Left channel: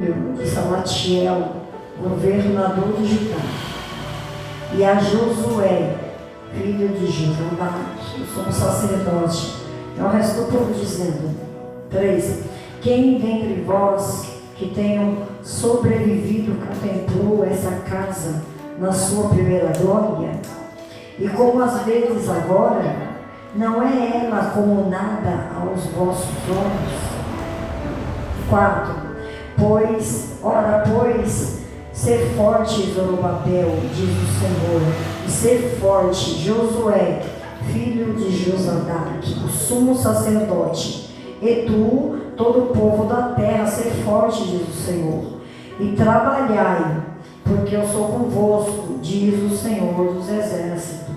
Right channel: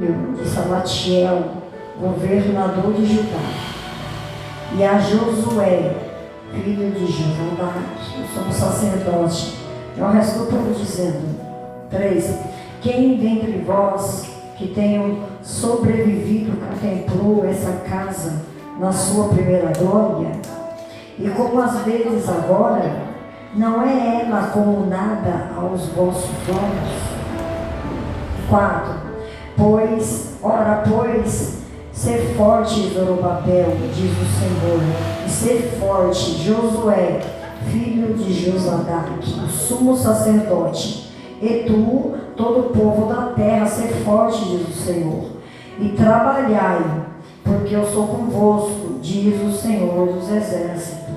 de Salatiel, governador de Judá, e a Josué, filho de Josafá, o sumo sacerdote, e ao resto do povo, dizendo: 3. Quem dentre vós que tenham sobrevivido contemplou essa casa na sua primeira glória? E como às vezes agora, não é ela como nada aos vossos olhos? 4. Pois, ser forte, Zorobabel, diz o Senhor, e ser forte, Josué, filho de Josadaque, o sumo sacerdote, e tu, todo o povo da terra, ser forte, diz o Senhor, e trabalhai, porque eu sou convosco, diz o Senhor dos exércitos.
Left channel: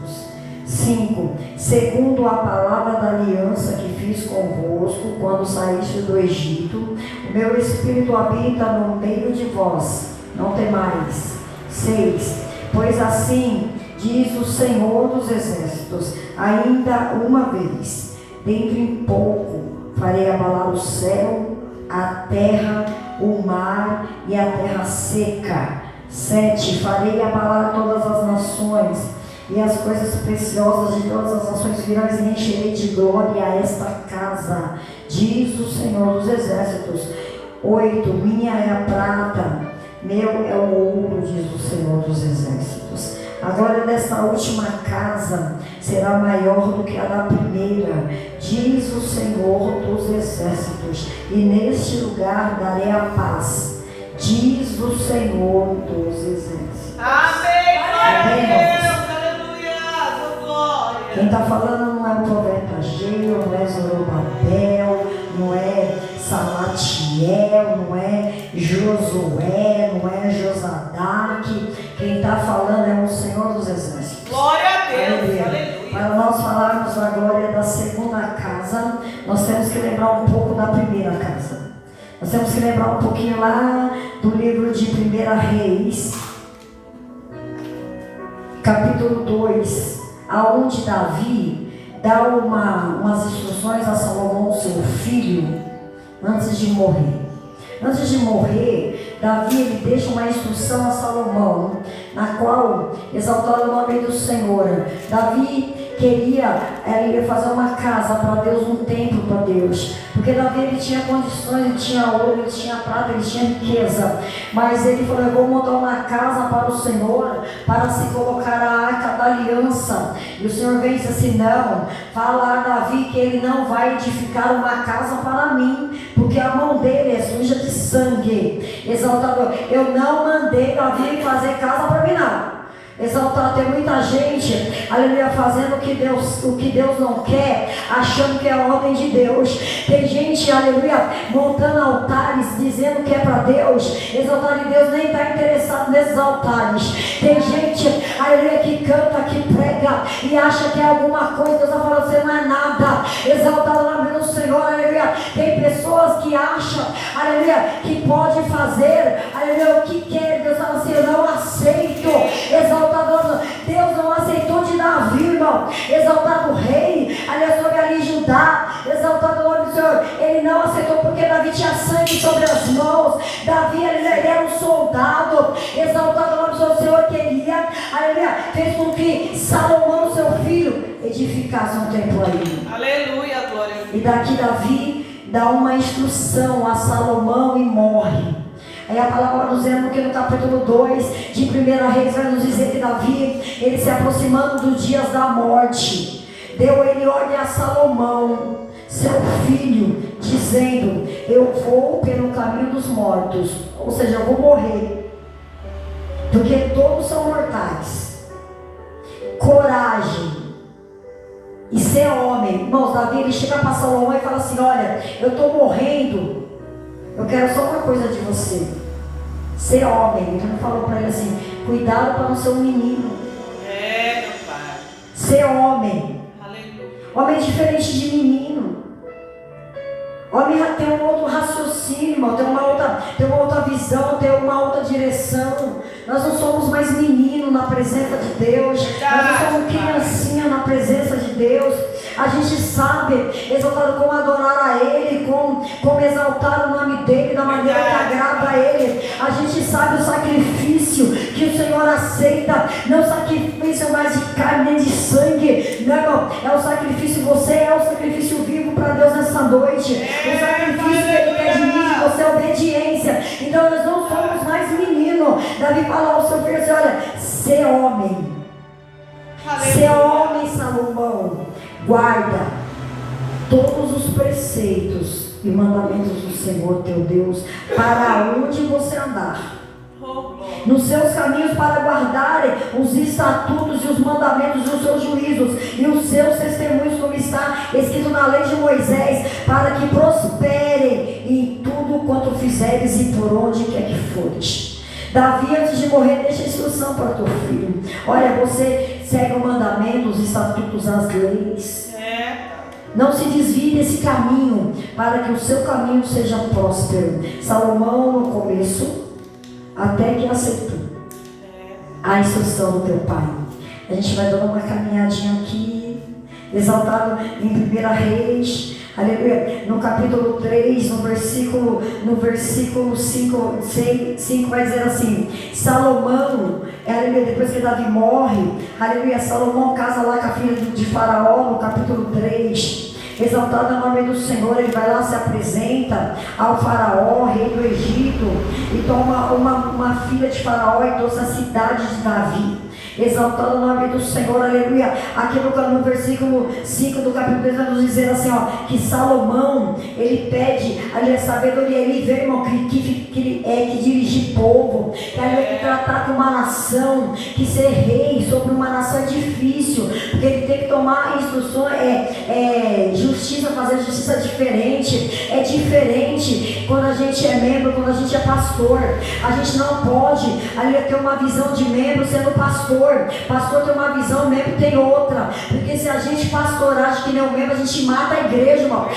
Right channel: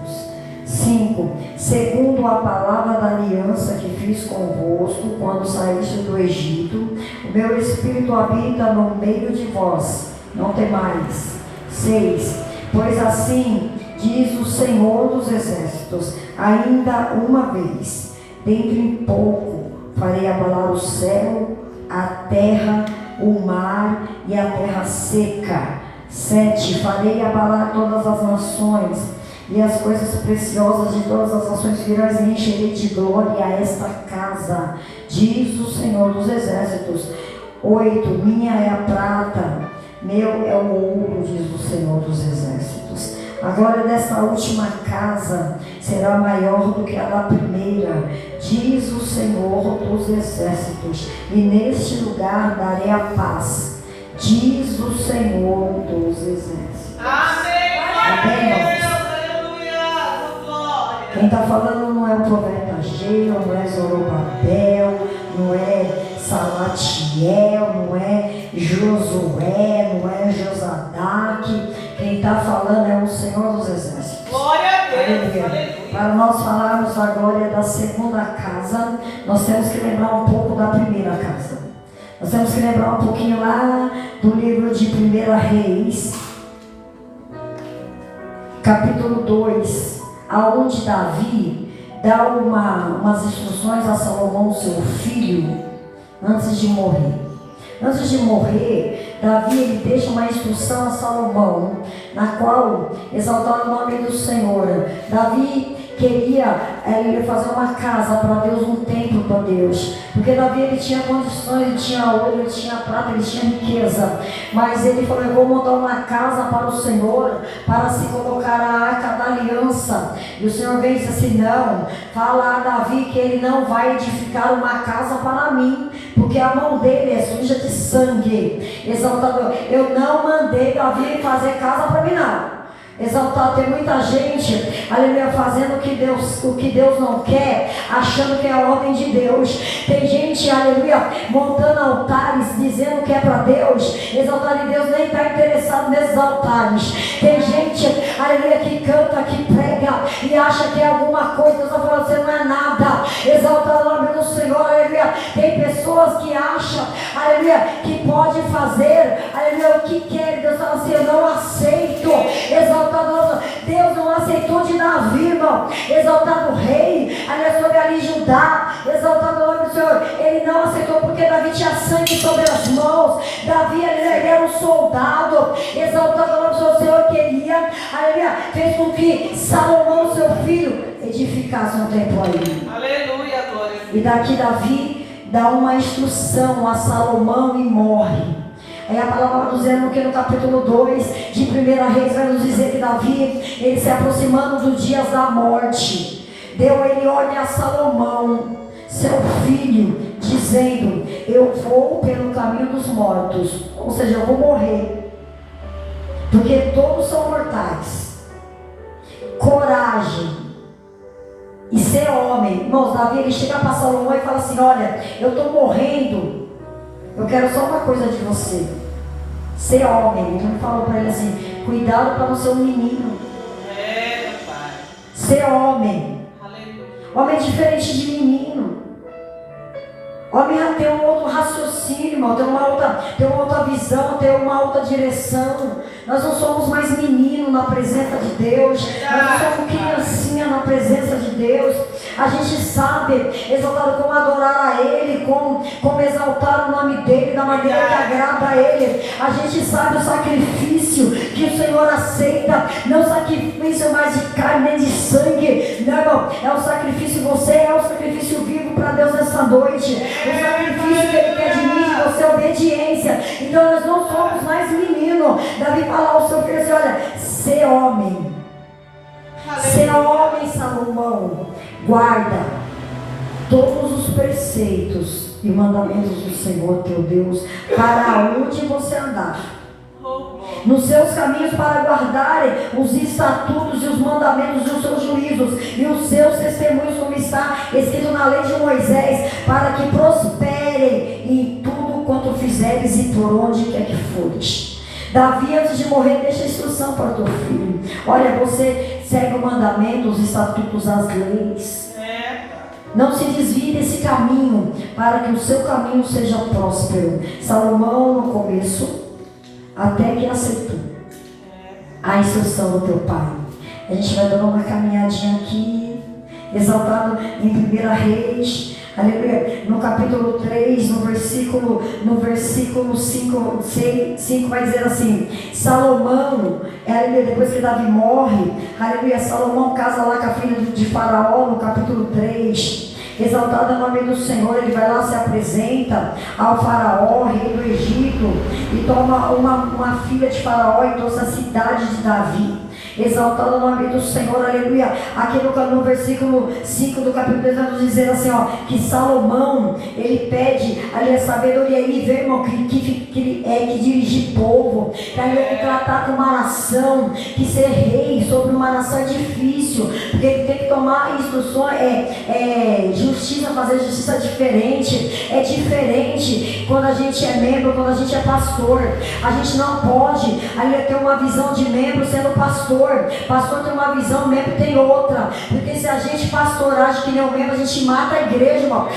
5. Segundo a palavra da aliança que fiz convosco quando saíste do Egito, o meu Espírito habita no meio de vós, não temais. 6. Pois assim diz o Senhor dos exércitos: ainda uma vez, dentro em pouco, farei abalar o céu, a terra, o mar e a terra seca. 7. Farei abalar todas as nações, e as coisas preciosas de todas as nações virão, e encherei de glória a esta casa, diz o Senhor dos exércitos. 8. Minha é a prata, meu é o ouro, diz o Senhor dos exércitos. A glória desta última casa será maior do que a da primeira, diz o Senhor dos exércitos, e neste lugar darei a paz, diz o Senhor dos exércitos. Amém. Amém. Quem está falando não é o profeta Geu, não é Zorobabel, não é Salatiel, não é Josué, não é Josadaque. Quem está falando é o Senhor dos exércitos. Glória a Deus. Aleluia. Para nós falarmos da glória da segunda casa, nós temos que lembrar um pouco da primeira casa. Nós temos que lembrar um pouquinho lá do livro de 1 Reis, capítulo 2. Aonde Davi dá umas instruções a Salomão, seu filho, antes de morrer. Antes de morrer, Davi ele deixa uma instrução a Salomão, na qual exaltar o nome do Senhor. Davi queria fazer uma casa para Deus, um templo para Deus, porque Davi ele tinha condições, ele tinha ouro, ele tinha prata, ele tinha riqueza, mas ele falou: eu vou montar uma casa para o Senhor, para se colocar a arca da aliança. E o Senhor vem e diz assim: não, fala a Davi que ele não vai edificar uma casa para mim, porque a mão dele é suja de sangue. Exaltador, eu não mandei Davi fazer casa para mim, não. Exaltado, tem muita gente, aleluia, fazendo o que Deus não quer, achando que é a ordem de Deus. Tem gente, aleluia, montando altares, dizendo que é para Deus. Exaltado, e Deus nem está interessado nesses altares. Tem gente, aleluia, que canta, que prega e acha que é alguma coisa. Deus está falando: você não é nada. Exaltado o nome do Senhor, aleluia. Tem pessoas que acham, aleluia, que pode fazer, aleluia, o que quer. Deus fala assim: eu não aceito. Exaltado, Deus não aceitou de Davi, irmão. Exaltado o rei, aliás, sobre ali Judá. Exaltado o nome do Senhor. Ele não aceitou porque Davi tinha sangue sobre as mãos. Davi, ele era um soldado. Exaltado o nome do Senhor. O Senhor queria, aleluia, fez com que Salomão, seu filho, edificasse um templo ali. Aleluia, glória. E daqui Davi dá uma instrução a Salomão e morre. Aí a palavra vai dizendo que no capítulo 2 de 1 Reis vai nos dizer que Davi, ele se aproximando dos dias da morte, deu ele ordem a Salomão, seu filho, dizendo: eu vou pelo caminho dos mortos, ou seja, eu vou morrer, porque todos são mortais. Coragem e ser homem. Irmãos, Davi ele chega para Salomão e fala assim: olha, eu estou morrendo, eu quero só uma coisa de você: ser homem. Ele não falou para ele assim: cuidado para não ser um menino. É, meu pai. Ser homem. Aleluia. Homem é diferente de menino. Homem já tem um outro raciocínio, irmão, tem uma outra visão, tem uma outra direção. Nós não somos mais menino na presença de Deus. Nós não somos criancinha na presença de Deus. A gente sabe, exaltado, como adorar a Ele, como exaltar o nome dEle da maneira que agrada a Ele. A gente sabe o sacrifício que o Senhor aceita, não sacrifício mais de carne nem de sangue, não, irmão, é o sacrifício, você é o sacrifício vivo para Deus nessa noite. O sacrifício que Ele quer de mim, de você, é obediência. Então nós não somos mais menino. Davi fala ao seu filho assim: olha, ser homem. Ser homem, Salomão, guarda todos os preceitos e mandamentos do Senhor teu Deus, para onde você andar, nos seus caminhos, para guardarem os estatutos e os mandamentos e os seus juízos e os seus testemunhos, como está escrito na lei de Moisés, para que prosperem em tudo quanto fizeres e por onde quer que fores. Davi, antes de morrer, deixa a instrução para o teu filho: olha, você segue o mandamento, os estatutos, as leis. Não se desvie desse caminho, para que o seu caminho seja próspero. Salomão, no começo, até que aceitou a instrução do teu pai. A gente vai dando uma caminhadinha aqui, exaltado em 1 Reis, aleluia, no capítulo 3, no versículo 5 vai dizer assim: Salomão, aleluia, depois que Davi morre, aleluia, Salomão casa lá com a filha de Faraó, no capítulo 3, exaltado é o nome do Senhor. Ele vai lá, se apresenta ao Faraó, rei do Egito, e toma uma filha de Faraó e trouxe a cidade de Davi. Exaltando o nome do Senhor, aleluia. Aqui no versículo 5 do capítulo 2 vai nos dizer assim, ó, que Salomão, ele pede ali a sabedoria. Ele vê, irmão, que dirigir povo, que ele tem que tratar com uma nação, que ser rei sobre uma nação é difícil, porque ele tem que tomar instruções, justiça, fazer justiça diferente. É diferente quando a gente é membro, quando a gente é pastor. A gente não pode ali ter uma visão de membro sendo pastor. Pastor tem uma visão, membro tem outra. Porque se a gente pastorar de que nem o membro, a gente mata a igreja, irmão.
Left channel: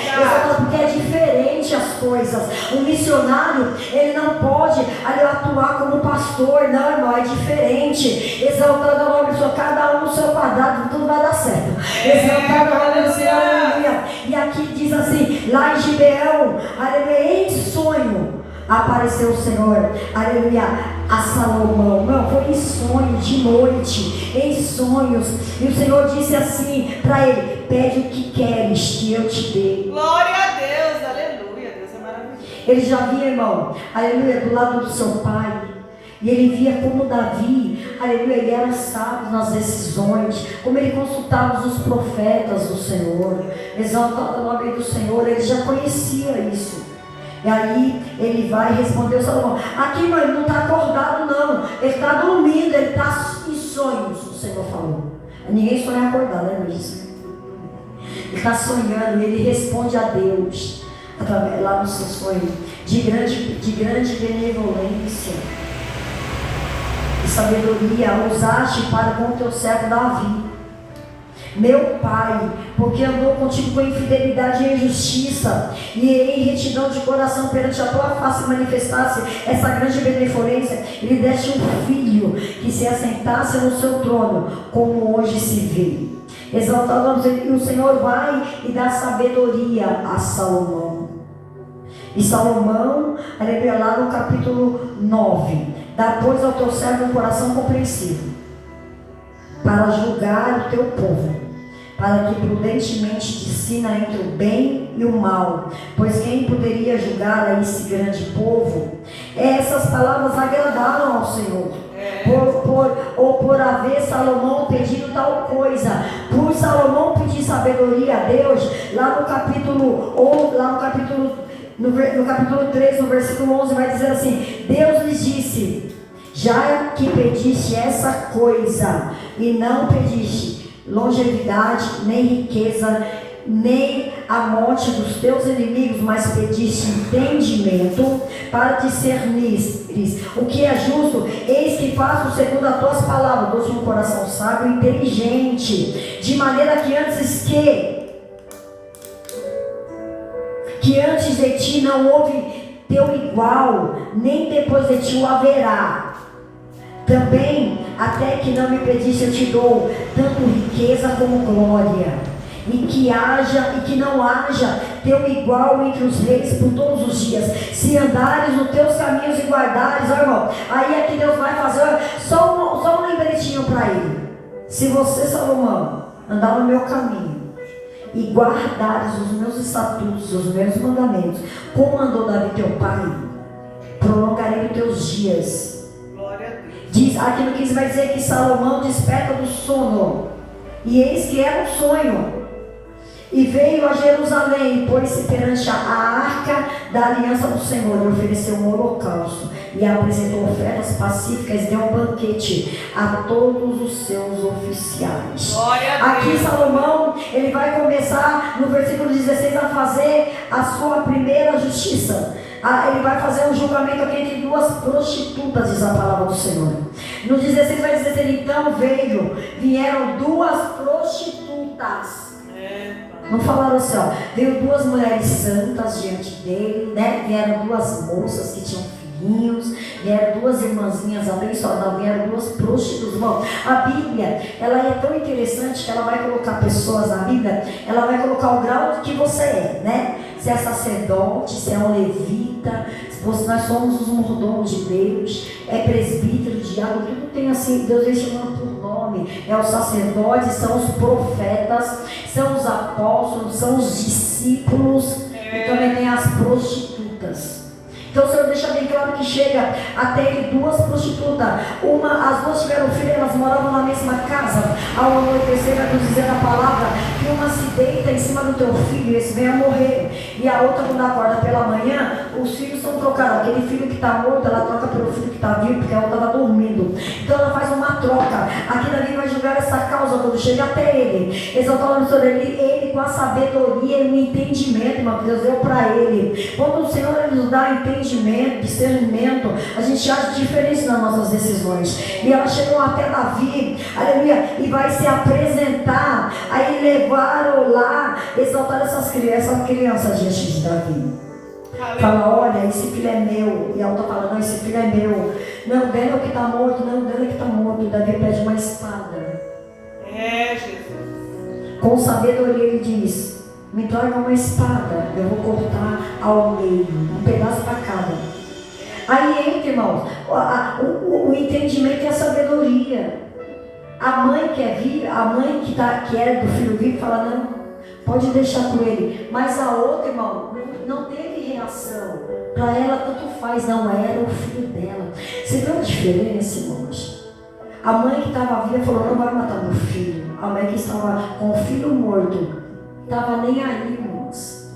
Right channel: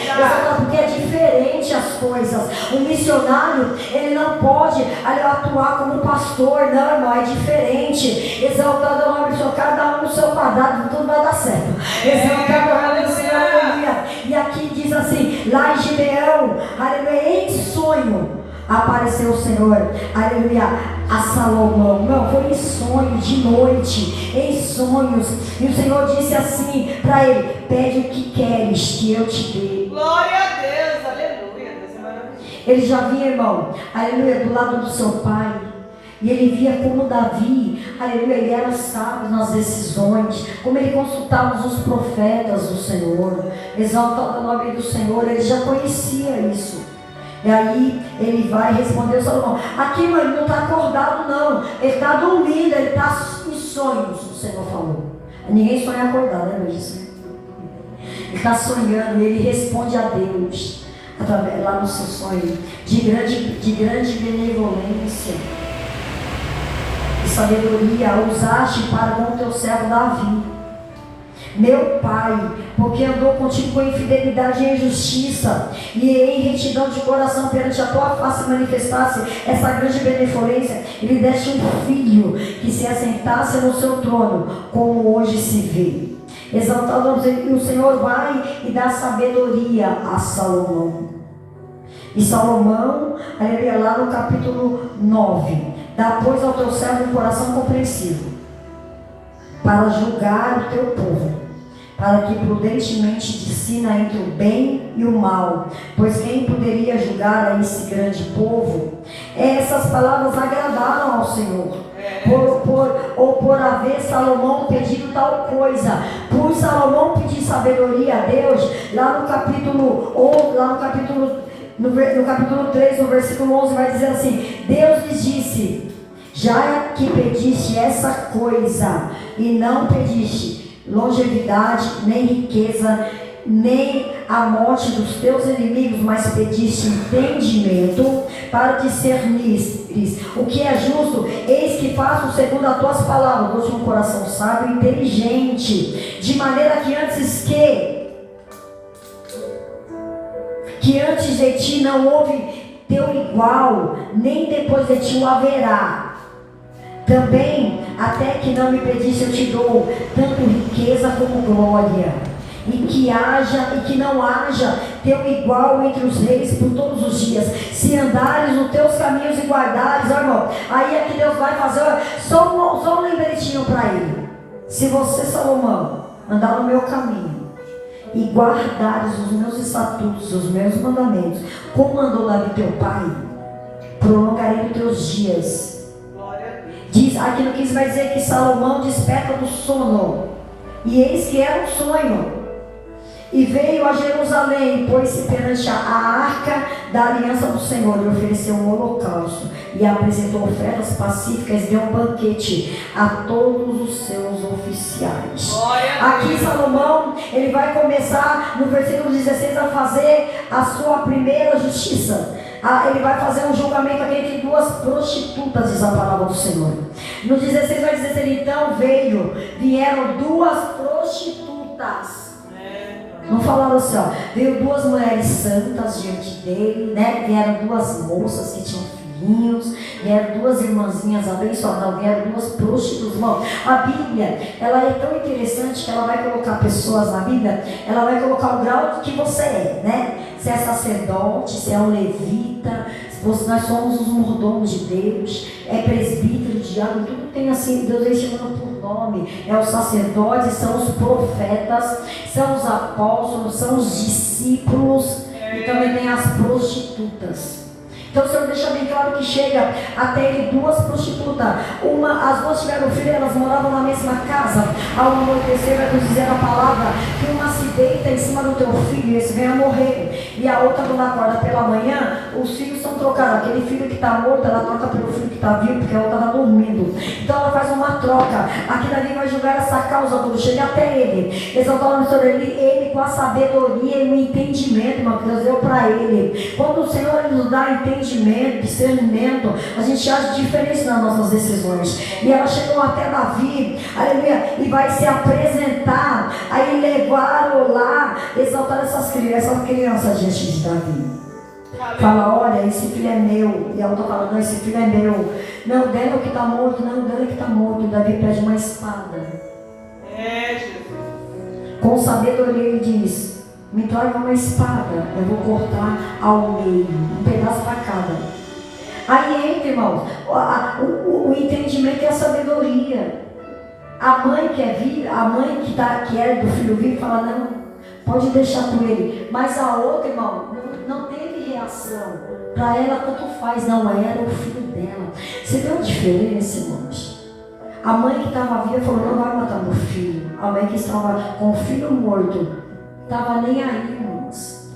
Porque é diferente as coisas. Um missionário, ele não pode ali atuar como pastor, não, irmão, é diferente. Exaltando o nome do Senhor, cada um no seu quadrado, tudo vai dar certo. Exaltando o nome do Senhor, aleluia. E aqui diz assim, lá em Gibeão, aleluia, em sonho apareceu o Senhor, aleluia, a Salomão. Não, foi em sonho, de noite, em sonhos. E o Senhor disse assim para ele: pede o que queres que eu te dê. Glória a Deus, aleluia, Deus é maravilhoso. Ele já via, irmão, aleluia, do lado do seu pai. E ele via como Davi, aleluia, ele era sábio nas decisões, como ele consultava os profetas do Senhor, exaltando o nome do Senhor. Ele já conhecia isso. E aí ele vai responder ao Salomão: aqui, meu, ele não está acordado não, ele está dormindo, ele está em sonhos. O Senhor falou. Ninguém sonha acordado, né, meu Deus? Ele está sonhando, ele responde a Deus através, lá no seu sonho, de grande benevolência e sabedoria usaste para com o teu servo Davi, meu pai, porque andou contigo com infidelidade e injustiça, e em retidão de coração perante a tua face manifestasse essa grande benevolência, e lhe deste um filho que se assentasse no seu trono, como hoje se vê. Exaltando, e o Senhor vai e dá sabedoria a Salomão. E Salomão, aleluia, lá no capítulo 9, dá pois ao teu servo um coração compreensivo, para julgar o teu povo, para que prudentemente discina entre o bem e o mal, pois quem poderia julgar a esse grande povo? Essas palavras agradaram ao Senhor, por haver Salomão pedido tal coisa. Por Salomão pedir sabedoria a Deus, lá no capítulo 3, no versículo 11, vai dizer assim: Deus lhes disse: já que pediste essa coisa, e não pediste longevidade, nem riqueza, nem a morte dos teus inimigos, mas pediste entendimento para te cernires o que é justo, eis que faço segundo as tuas palavras. Dou-te um coração sábio e inteligente, de maneira que antes de ti não houve teu igual, nem depois de ti o haverá. Também, até que não me pediste, eu te dou tanto riqueza como glória. e que haja e que não haja teu igual entre os reis por todos os dias. Se andares nos teus caminhos e guardares, ó irmão, aí é que Deus vai fazer só um lembretinho para ele. Se você, Salomão, andar no meu caminho e guardares os meus estatutos, os meus mandamentos, como mandou Davi teu pai, prolongarei os teus dias. Glória a Deus. Diz, aqui no 15 vai dizer que Salomão desperta do sono, e eis que era um sonho, e veio a Jerusalém, pôs-se perante a arca da aliança do Senhor, e ofereceu um holocausto, e apresentou ofertas pacíficas, e deu um banquete a todos os seus oficiais. Glória a Aqui Deus. Salomão, ele vai começar no versículo 16 a fazer a sua primeira justiça. Ele vai fazer um julgamento aqui entre duas prostitutas, diz a palavra do Senhor. No 16 vai dizer assim, então vieram duas prostitutas. Não falaram assim, ó, veio duas mulheres santas diante dele, né? Vieram duas moças que tinham filhinhos, vieram duas irmãzinhas abençoadas, vieram duas prostitutas. Bom, a Bíblia, ela é tão interessante que ela vai colocar pessoas na Bíblia, ela vai colocar o grau que você é, né? Se é sacerdote, se é um levita, nós somos os mordomos de Deus, é presbítero, diácono, tudo tem assim, Deus vem chamando por nome. É os sacerdotes, são os profetas, são os apóstolos, são os discípulos, e também tem as prostitutas. Então o Senhor deixa bem claro que chega até ele duas prostitutas. As duas tiveram filho, elas moravam na mesma casa. Ao anoitecer, vai nos dizer a palavra que uma se deita em cima do teu filho e esse vem a morrer. E a outra, quando acorda pela manhã, os filhos são trocados. Aquele filho que está morto, ela troca pelo filho que está vivo, porque a outra está dormindo. Então ela faz uma troca. Aquilo ali vai julgar essa causa quando chega até ele. Exaltar o Senhor, ele com a sabedoria e o entendimento, irmão, que Deus deu para ele. Quando o Senhor nos dá entendimento, discernimento, a gente acha diferença nas nossas decisões. E ela chegou até Davi, aleluia, e vai se apresentar. Aí levaram lá, exaltar essas crianças diante de Davi. Fala, olha, esse filho é meu. E a outra fala, não, esse filho é meu. Não, dela que está morto, não, dela que está morto. E Davi pede uma espada. Jesus. Com sabedoria ele diz, me traga uma espada, eu vou cortar ao meio, um pedaço para cada. Aí entra, irmãos, o entendimento e a sabedoria. A mãe quer vir, a mãe que é do filho vivo fala, não, pode deixar com ele. Mas a outra, irmão, não teve reação. Para ela tanto faz, não, era o filho dela. Você vê uma diferença, irmãos? A mãe que estava viva falou, não vai matar meu filho. A mãe que estava com o filho morto estava nem aí, irmãos.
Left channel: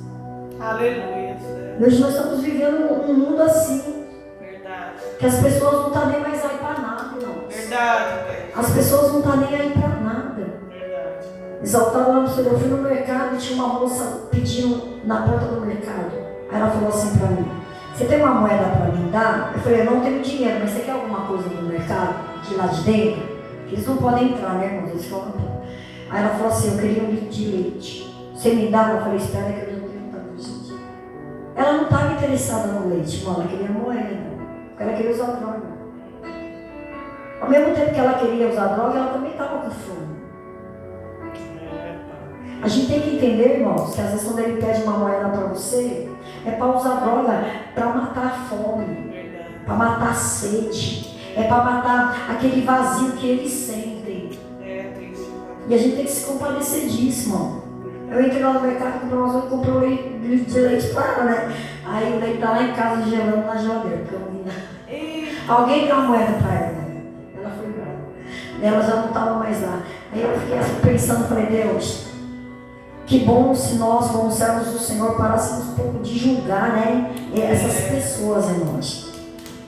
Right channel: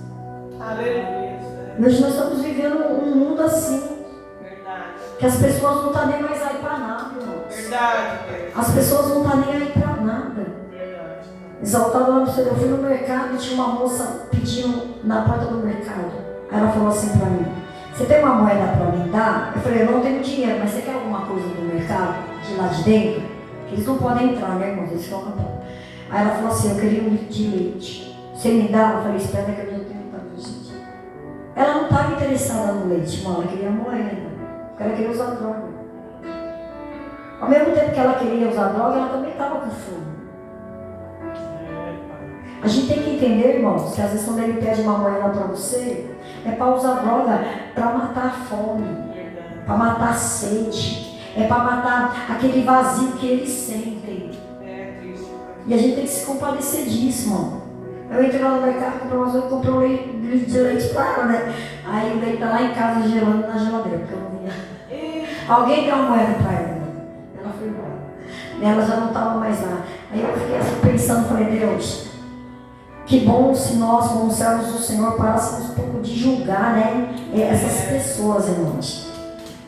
Aleluia. Hoje nós estamos vivendo um mundo assim. Verdade. Que as pessoas não estão nem mais aí para nada, irmãos. Verdade. As pessoas não estão nem aí para nada. Verdade. Exaltava lá no Senhor. Eu fui no mercado e tinha uma moça pedindo na porta do mercado. Aí ela falou assim para mim, você tem uma moeda para me dar? Eu falei, eu não tenho dinheiro, mas você quer alguma coisa do mercado? De lá de dentro? Eles não podem entrar, né, irmãos? Eles ficam. Aí ela falou assim, eu queria um litro de leite. Você me dá? Eu falei, espera que eu não tenho para gente. Ela não estava interessada no leite, irmão. Ela queria moeda. Porque ela queria usar droga. Ao mesmo tempo que ela queria usar droga, ela também estava com fome. A gente tem que entender, irmãos, que às vezes quando ele pede uma moeda para você, é para usar droga para matar a fome, para matar a sede, é para matar aquele vazio que eles sentem. E a gente tem que se compadecer disso, irmão. Eu entrei lá no mercado, comprei um litro de leite para ela, né? Aí o leite está lá em casa gelando na geladeira, porque eu não vinha. Alguém deu uma moeda para ela. Ela foi embora. Ela já não estava mais lá. Aí eu fiquei assim pensando, falei, Deus, que bom se nós, como servos do Senhor, parássemos um pouco de julgar, né? Essas pessoas, irmãos.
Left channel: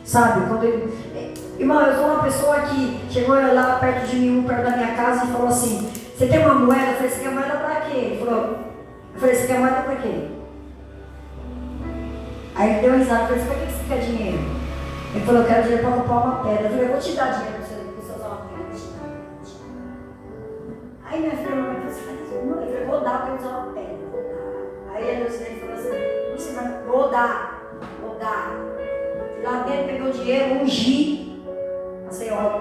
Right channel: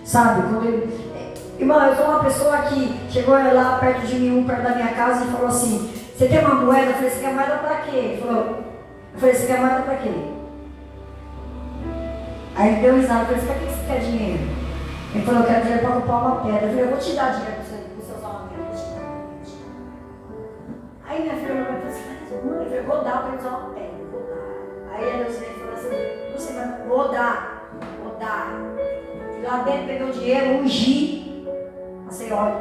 Sabe? Quando ele... Irmão, eu sou uma pessoa que chegou lá perto de mim, perto da minha casa, e falou assim, você tem uma moeda? Eu falei, você quer moeda para quê? Eu falei, você quer moeda para quê? Aí ele deu risada, eu falei, para que você quer dinheiro? Ele falou, eu quero dinheiro para comprar uma pedra. Eu falei, eu vou te dar dinheiro para você usar uma pedra. Aí minha filha falou, eu falei, vou dar para usar uma pedra. Aí ela falou assim, Luciana, vou dar. Lá dentro pegou o dinheiro, ungi a senhora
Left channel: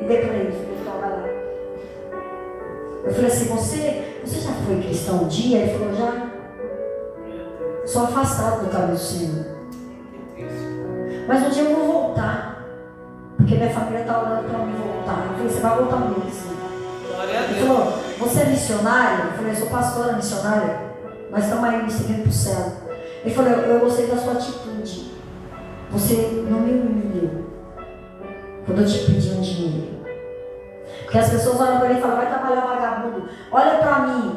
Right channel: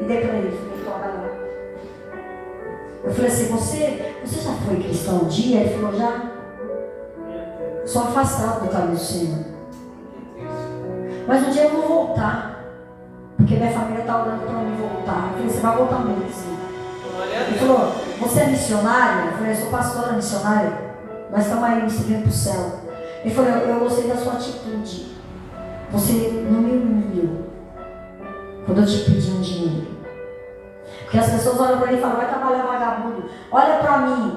e dei para ele, falei, toma lá. Eu falei assim, você já foi cristão um dia? Ele falou, já. Sou afastado do caminho do Senhor. Mas um dia eu vou voltar. Porque minha família está orando para mim voltar. Eu falei, você vai voltar mesmo. Ele falou, você é missionário? Eu falei, eu sou pastora missionária. Nós estamos aí me seguindo para o céu. Ele falou, eu gostei da sua atitude. Você não me humilhou quando eu te pedi um dinheiro. Porque as pessoas olham para ele e falam, vai trabalhar vagabundo. Olha para mim.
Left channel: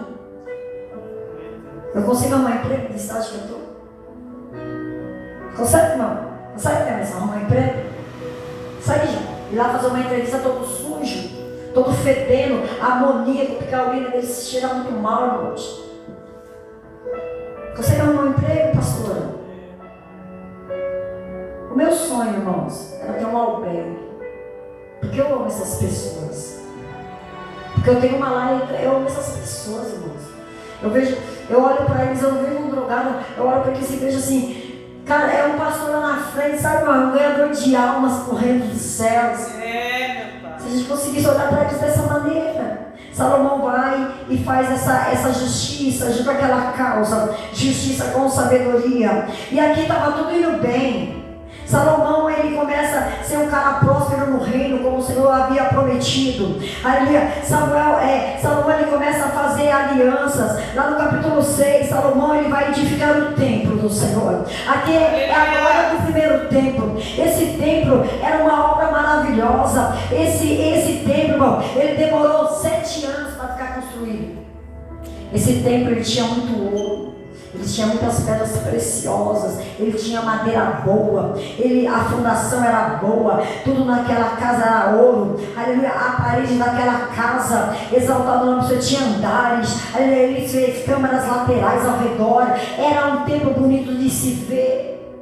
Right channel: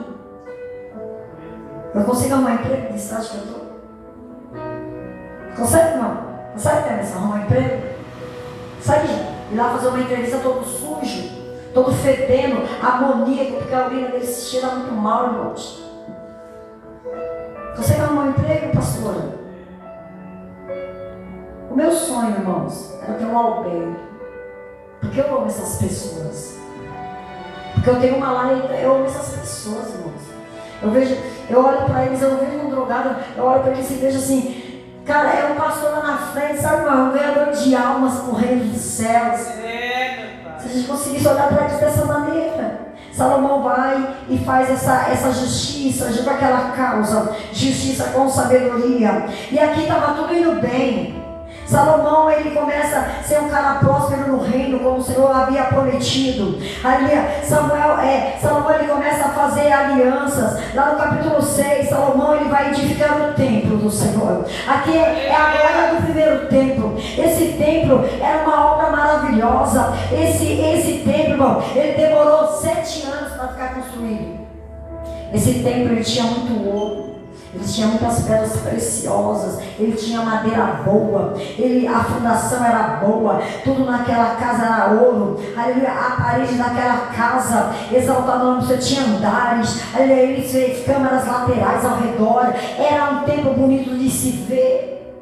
Eu consigo arrumar emprego nesse estágio que eu estou? Consegue, não? Consegue, Teresa, arrumar emprego? Sai ir lá fazer uma entrevista todo sujo, todo fedendo, amoníaco, porque a urina dele se cheira muito mal, irmãos. Consegue arrumar um emprego, pastora? O meu sonho, irmãos, era ter um albergue. Porque eu amo essas pessoas. Porque eu tenho uma laita, eu amo essas pessoas, irmãos. Eu olho para eles, eu vejo um drogado, eu olho para eles e vejo assim, cara, é um pastor lá na frente, sabe, irmão? É um ganhador de almas pro reino dos céus. Se a gente conseguisse olhar para eles dessa maneira, Salomão vai e faz essa justiça, junto àquela causa, justiça com sabedoria. E aqui estava tudo indo bem. Salomão, ele começa a ser um cara próspero no reino, como o Senhor havia prometido. Salomão, ele começa a fazer alianças. Lá no capítulo 6, Salomão, ele vai edificando o templo do Senhor. Aqui é a glória do primeiro templo. Esse templo era uma obra maravilhosa. Esse templo, irmão, ele demorou 7 anos para ficar construído. Esse templo, ele tinha muito ouro. Ele tinha muitas pedras preciosas, ele tinha madeira boa, a fundação era boa, tudo naquela casa era ouro, aleluia, a parede daquela casa, exaltado o nome do Senhor, tinha andares, aleluia, ele fez câmaras laterais ao redor, era um templo bonito de se ver.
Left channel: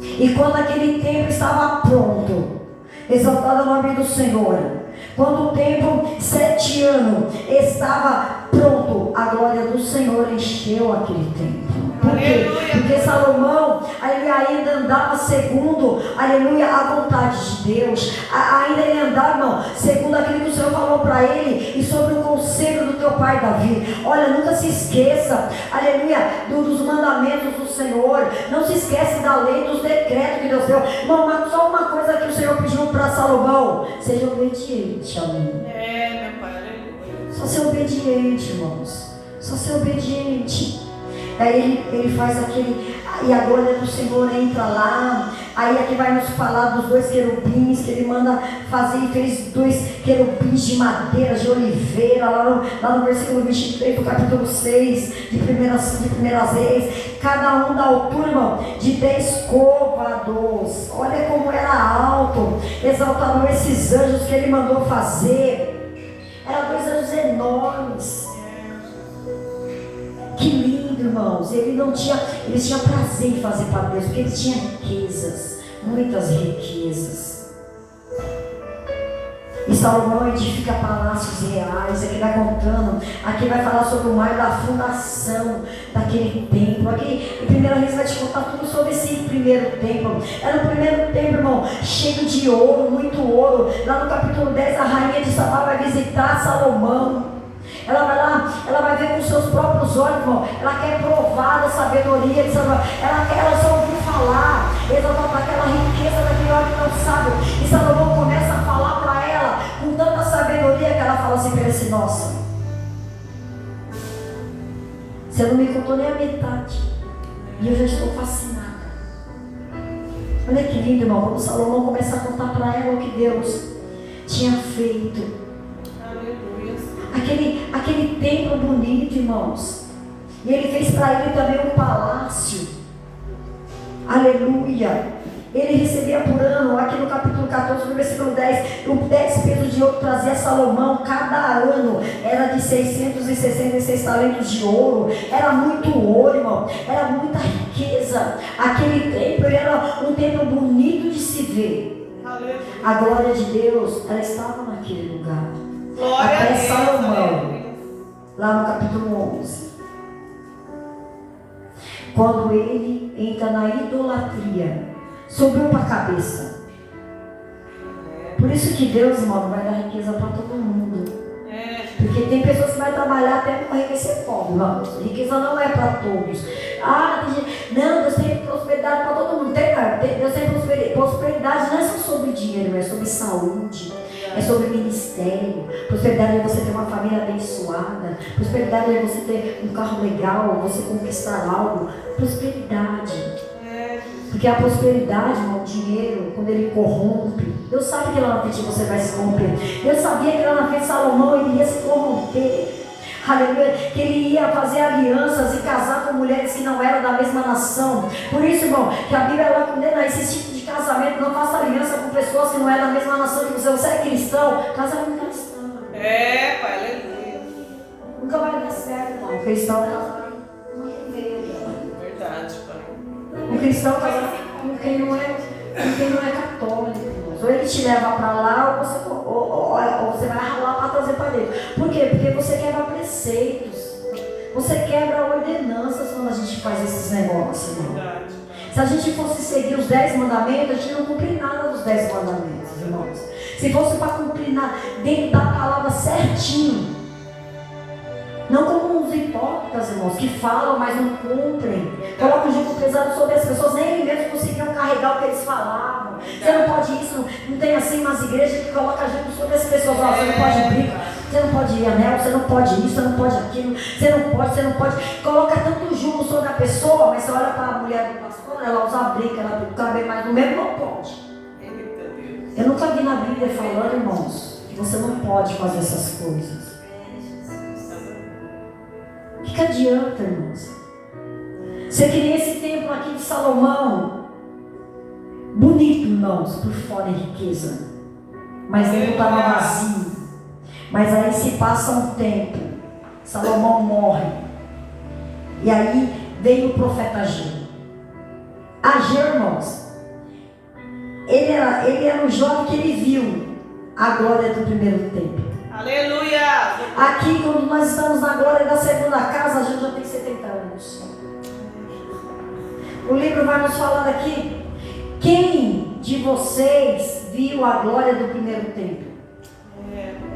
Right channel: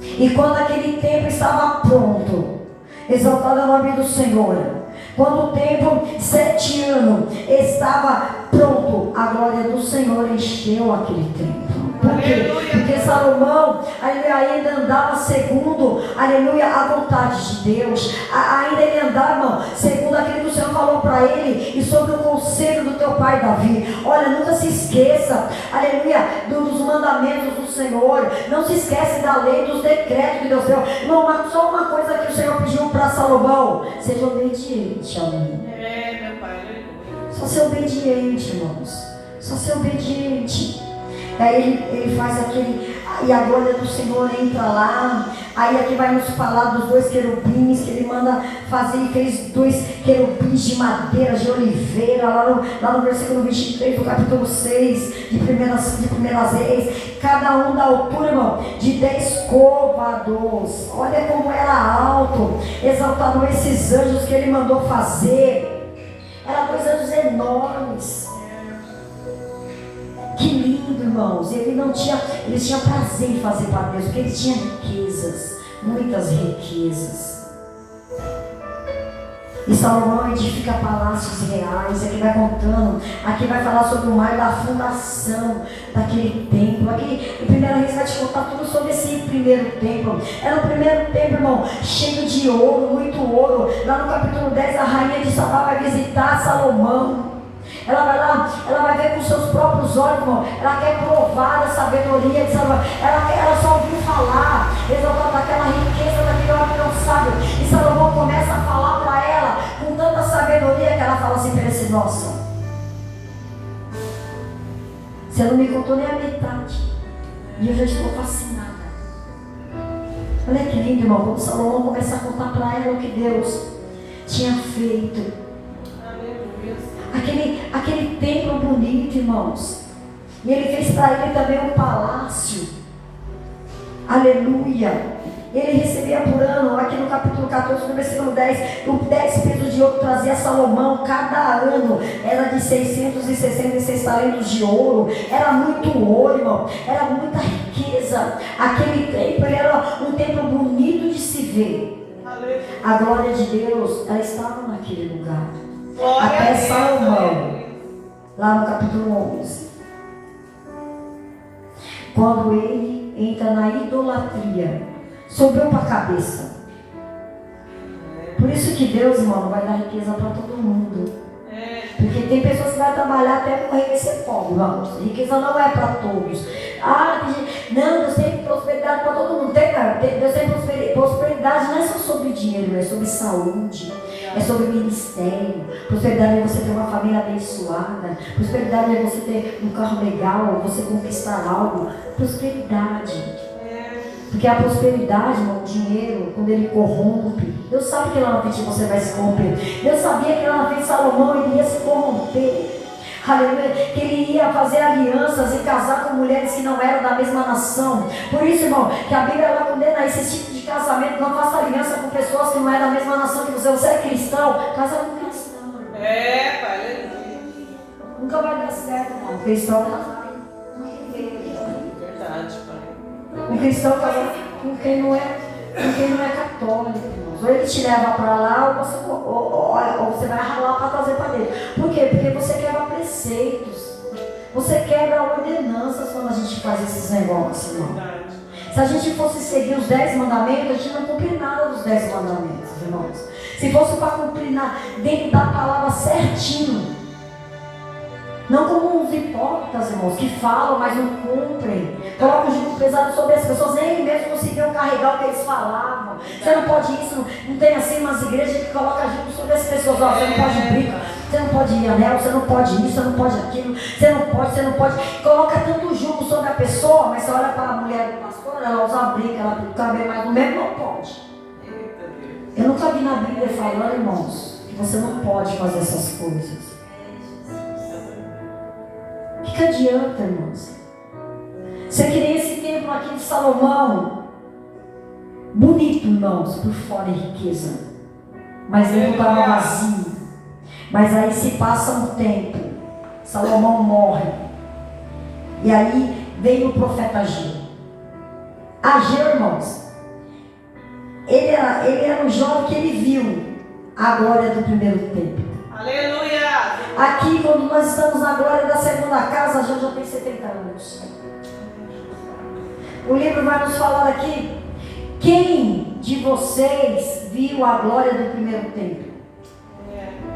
E quando aquele templo estava pronto, exaltado o nome do Senhor, quando o templo, 7 anos, estava pronto, a glória do Senhor encheu aquele templo. Por quê? Porque Salomão, aleluia, ainda andava segundo, aleluia, a vontade de Deus. Ainda ele andava, irmão, segundo aquilo que o Senhor falou para ele e sobre o conselho do teu pai Davi. Olha, nunca se esqueça, aleluia, dos mandamentos do Senhor. Não se esquece da lei, dos decretos que Deus deu. Irmão, só uma coisa que o Senhor pediu para Salomão: seja obediente a mim. Meu pai. Só ser obediente, irmãos. Só ser obediente. Aí ele faz aquele, e a glória do Senhor entra lá. Aí aqui vai nos falar dos 2 querubins que ele manda fazer. Ele fez 2 querubins de madeira, de oliveira, lá no versículo 23 do capítulo 6 de primeiras Reis. Cada um da altura, irmão, de 10 côvados. Olha como era alto. Exaltaram esses anjos que ele mandou fazer. Eram 2 anjos enormes. Que lindo, irmãos. Ele tinha prazer em fazer para Deus, porque ele tinha riquezas, muitas riquezas. E Salomão edifica palácios reais. Aqui vai contando, aqui vai falar sobre o mar da fundação daquele templo. Aqui em 1 Reis vai te contar tudo sobre esse primeiro templo. Era o primeiro templo, irmão, cheio de ouro, muito ouro. Lá no capítulo 10, a rainha de Sabá vai visitar Salomão. Ela vai lá, ela vai ver com seus próprios olhos, irmão. Ela quer provar a sabedoria de Salomão. Ela só ouviu falar, exaltando daquela riqueza, daquele homem tão sábio. E Salomão começa a falar para ela com tanta sabedoria que ela fala assim para ele assim: nossa, você não me contou nem a metade, e eu já estou fascinada. Olha que lindo, irmão. Quando Salomão começa a contar para ela o que Deus tinha feito. Aquele templo bonito, irmãos. E ele fez para ele também um palácio. Aleluia. Ele recebia por ano, aqui no capítulo 14, no versículo 10, o 10 pesos de ouro trazia Salomão cada ano. Era de 666 talentos de ouro. Era muito ouro, irmão. Era muita riqueza. Aquele templo era um templo bonito de se ver. A glória de Deus, ela estava naquele lugar. Até Salomão, lá no capítulo 11, quando ele entra na idolatria, subiu para a cabeça. Por isso que Deus, irmão, vai dar riqueza para todo mundo. Porque tem pessoas que vão trabalhar até com enriquecer pobre, irmãos. Riqueza não é para todos. Não, Deus tem prosperidade para todo mundo. Deus tem prosperidade não é só sobre dinheiro, é sobre saúde, é sobre ministério. Prosperidade é você ter uma família abençoada. Prosperidade é você ter um carro legal, você conquistar algo. Prosperidade. Porque a prosperidade, irmão, o dinheiro, quando ele corrompe, Deus sabe que lá na frente você vai se corromper. Deus sabia que lá na frente Salomão ele ia se corromper. Aleluia, que ele ia fazer alianças e casar com mulheres que não eram da mesma nação. Por isso, irmão, que a Bíblia ela condena esse tipo de casamento. Não faça aliança com pessoas que não é da mesma nação que você. Você é cristão, casa com cristão. Pai, aleluia. Nunca vai dar certo, irmão. O cristão Verdade, pai. o cristão casa com quem não é católico, irmãos. Ou ele te leva para lá, ou você vai ralar para trazer para dentro. Por quê? Porque você quebra preceitos. Você quebra ordenanças quando a gente faz esses negócios, irmão. Verdade. Se a gente fosse seguir os 10 mandamentos, a gente não cumprir nada dos 10 mandamentos, irmãos. Se fosse para cumprir dentro da palavra certinho. Não como os hipócritas, irmãos, que falam, mas não cumprem. Colocam o jugo pesado sobre as pessoas, nem mesmo conseguiam carregar o que eles falavam. Você não pode isso, não tem assim umas igrejas que colocam jugo sobre as pessoas. Ó, você não pode briga, você não pode ir anel, você não pode isso, você não pode aquilo, você não pode. Coloca tanto jugo sobre a pessoa, mas você olha para a mulher do pastor, ela usa briga, ela tem o cabelo, mas no mesmo não pode. Eu nunca vi na Bíblia falando, irmãos, que você não pode fazer essas coisas. O que adianta, irmãos? Você queria esse templo aqui de Salomão, bonito, irmãos, por fora em riqueza, mas dentro estava vazio. Mas aí se passa um tempo, Salomão morre, e aí veio o profeta Ageu. Ageu, irmãos, ele era um jovem que ele viu a glória do primeiro templo. Aleluia! Aqui, quando nós estamos na glória da segunda casa, a gente já tem 70 anos. O livro vai nos falando aqui: quem de vocês viu a glória do primeiro templo?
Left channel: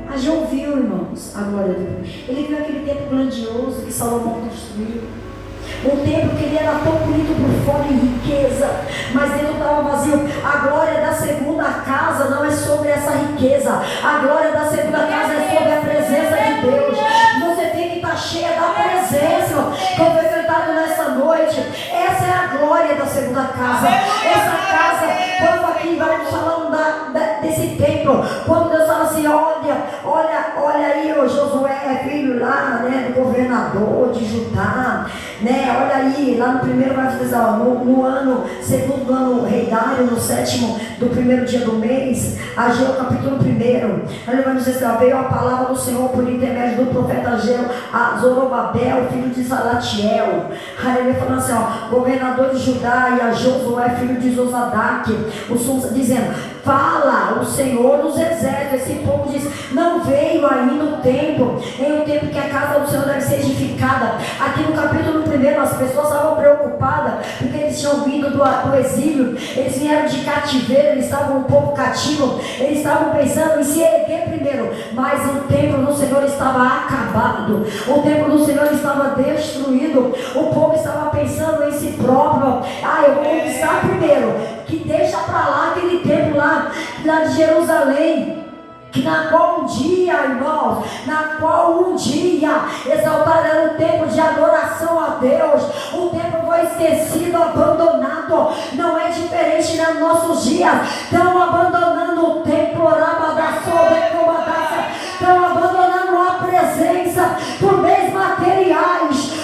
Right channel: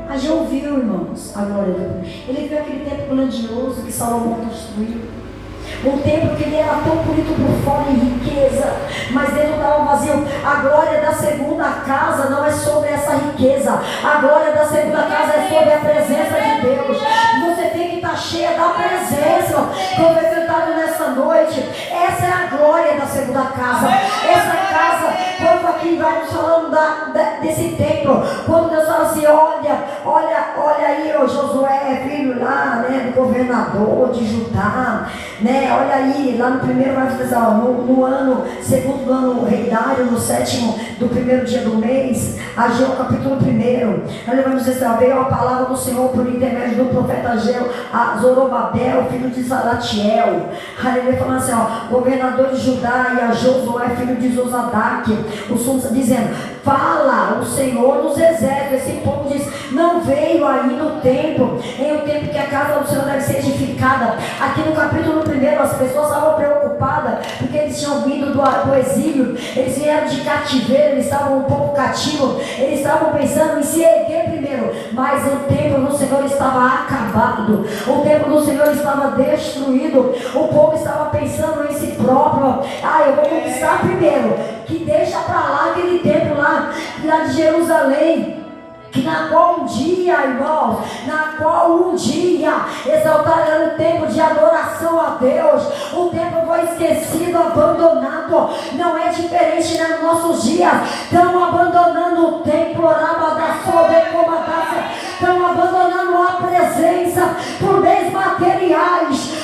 Ageu viu, irmãos, a glória do primeiro. Ele viu aquele templo grandioso que Salomão construiu. Um templo que ele era tão bonito por fora em riqueza, mas dentro estava vazio. A glória da segunda casa não é sobre essa riqueza. A glória da segunda casa é sobre a presença de Deus. Você tem que estar cheia da presença. Como foi sentado nessa noite, essa é a glória da segunda casa. Essa casa, quando aqui vai nos falando desse templo, quando Deus fala assim: olha aí, o Josué é filho lá, né, do governador de Judá, né? Olha aí, lá no primeiro vai dizer, no ano, segundo ano rei Dário, no 7º do primeiro dia do mês, Ageu capítulo 1, ele vai dizer assim: veio a palavra do Senhor por intermédio do profeta Ageu a Zorobabel, filho de Salatiel. Ele falando assim, governador de Judá, e a Josué, filho de Zosadaque, o sumo, dizendo: fala o Senhor dos exércitos. Esse povo diz: não veio aí no tempo, em um tempo que a casa do Senhor deve ser edificada. Aqui no capítulo 1, as pessoas estavam preocupadas, porque eles tinham vindo do exílio, eles vieram de cativeiro, eles estavam um pouco cativos, eles estavam pensando em se erguer primeiro, mas o templo do Senhor estava acabado, o templo do Senhor estava destruído, o povo estava pensando em si próprio: eu vou conquistar primeiro, que deixa para lá aquele templo lá de Jerusalém, na qual um dia, irmãos, exaltaram o templo de adoração a Deus. O templo foi esquecido, abandonado. Não é diferente nos nossos dias. Estão abandonando o templo, estão abandonando a presença por meios materiais.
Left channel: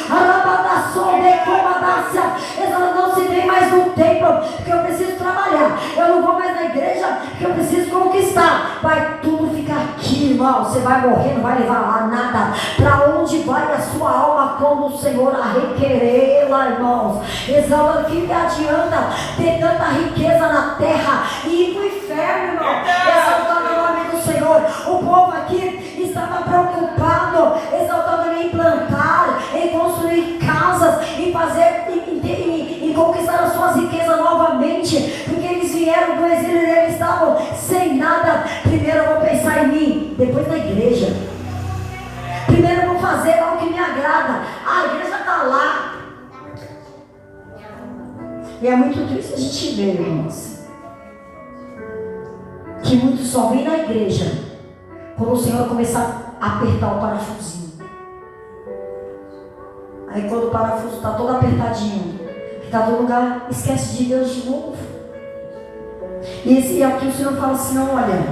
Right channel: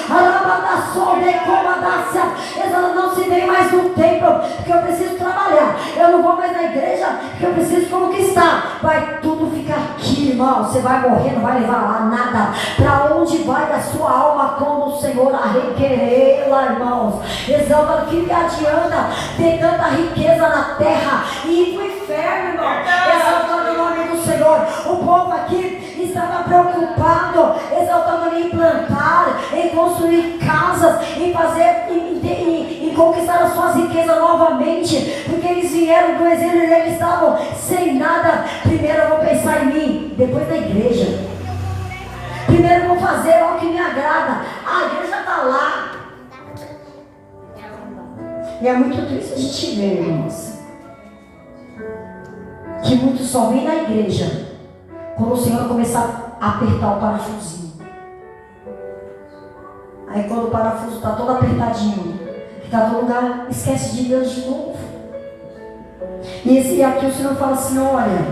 Eu não se vê mais no templo, porque eu preciso trabalhar. Eu não vou mais na igreja, porque eu preciso conquistar. Vai tudo ficar aqui, irmão. Você vai morrer, não vai levar lá nada. Para onde vai a sua alma quando o Senhor a requerê-la, irmãos? Exalta, que me adianta ter tanta riqueza na terra e ir para o inferno, irmão? Exaltando o nome do Senhor. O povo aqui estava preocupado, exaltando em plantar, em construir casas, em fazer, em conquistar as suas riquezas novamente, porque eles vieram do exílio e eles estavam sem nada. Primeiro eu vou pensar em mim, depois na igreja. E é muito triste a gente ver, irmãos, que muitos só vêm na igreja quando o Senhor começar a apertar o parafusinho. Aí quando o parafuso está todo apertadinho, que está todo lugar, esquece de Deus de novo. E aqui o Senhor fala assim, olha,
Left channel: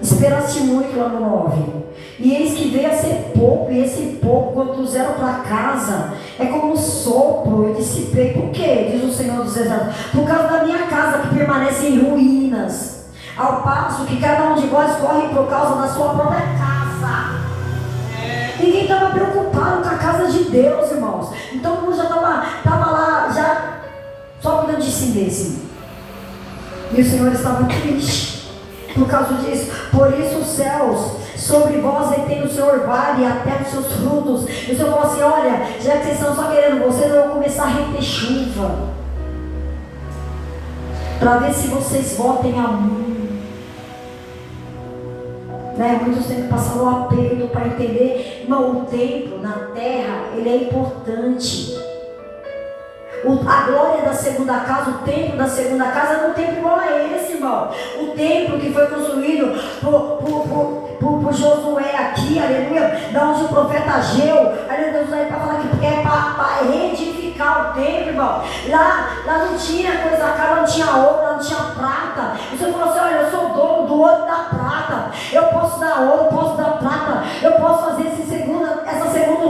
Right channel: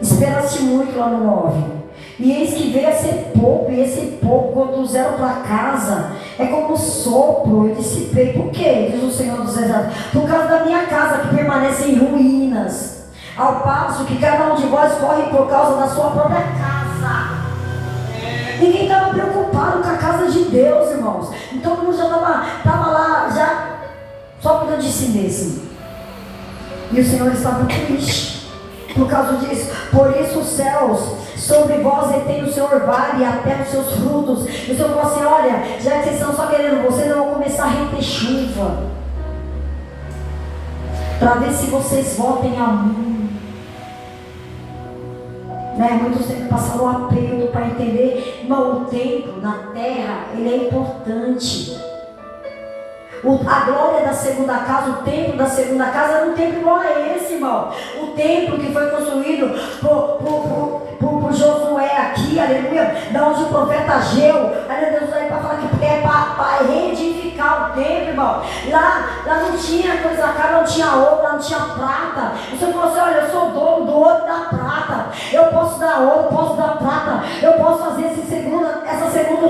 esperaste muito lá no 9. E eis que veio a ser pouco, e esse pouco, quando trouxeram para casa, é como um sopro, eu dissipei. Por quê? Diz o Senhor dos Exércitos. Por causa da minha casa que permanece em ruínas, ao passo que cada um de vós corre por causa da sua própria casa. Ninguém estava preocupado com a casa de Deus, irmãos. Então todo mundo já estava lá, já só cuidando de si mesmo. E o Senhor estava triste por causa disso. Por isso os céus sobre vós detém o Senhor vale até os seus frutos. E o Senhor falou assim, olha, já que vocês estão só querendo, vocês vão começar a reter chuva, para ver se vocês voltem a mim. Né? Muitos têm que passar o apelo para entender, irmão, o templo na terra, ele é importante. A glória da segunda casa, o templo da segunda casa era um templo igual a esse, irmão. O templo que foi construído por Josué aqui, aleluia, da onde o profeta Ageu, aleluia, para falar que é para reedificar o templo, irmão. Lá não tinha coisa cara, não tinha ouro, não tinha prata. O Senhor falou assim, olha, eu sou dono do ouro e da prata. Eu posso dar ouro, posso dar prata. Eu posso fazer essa segunda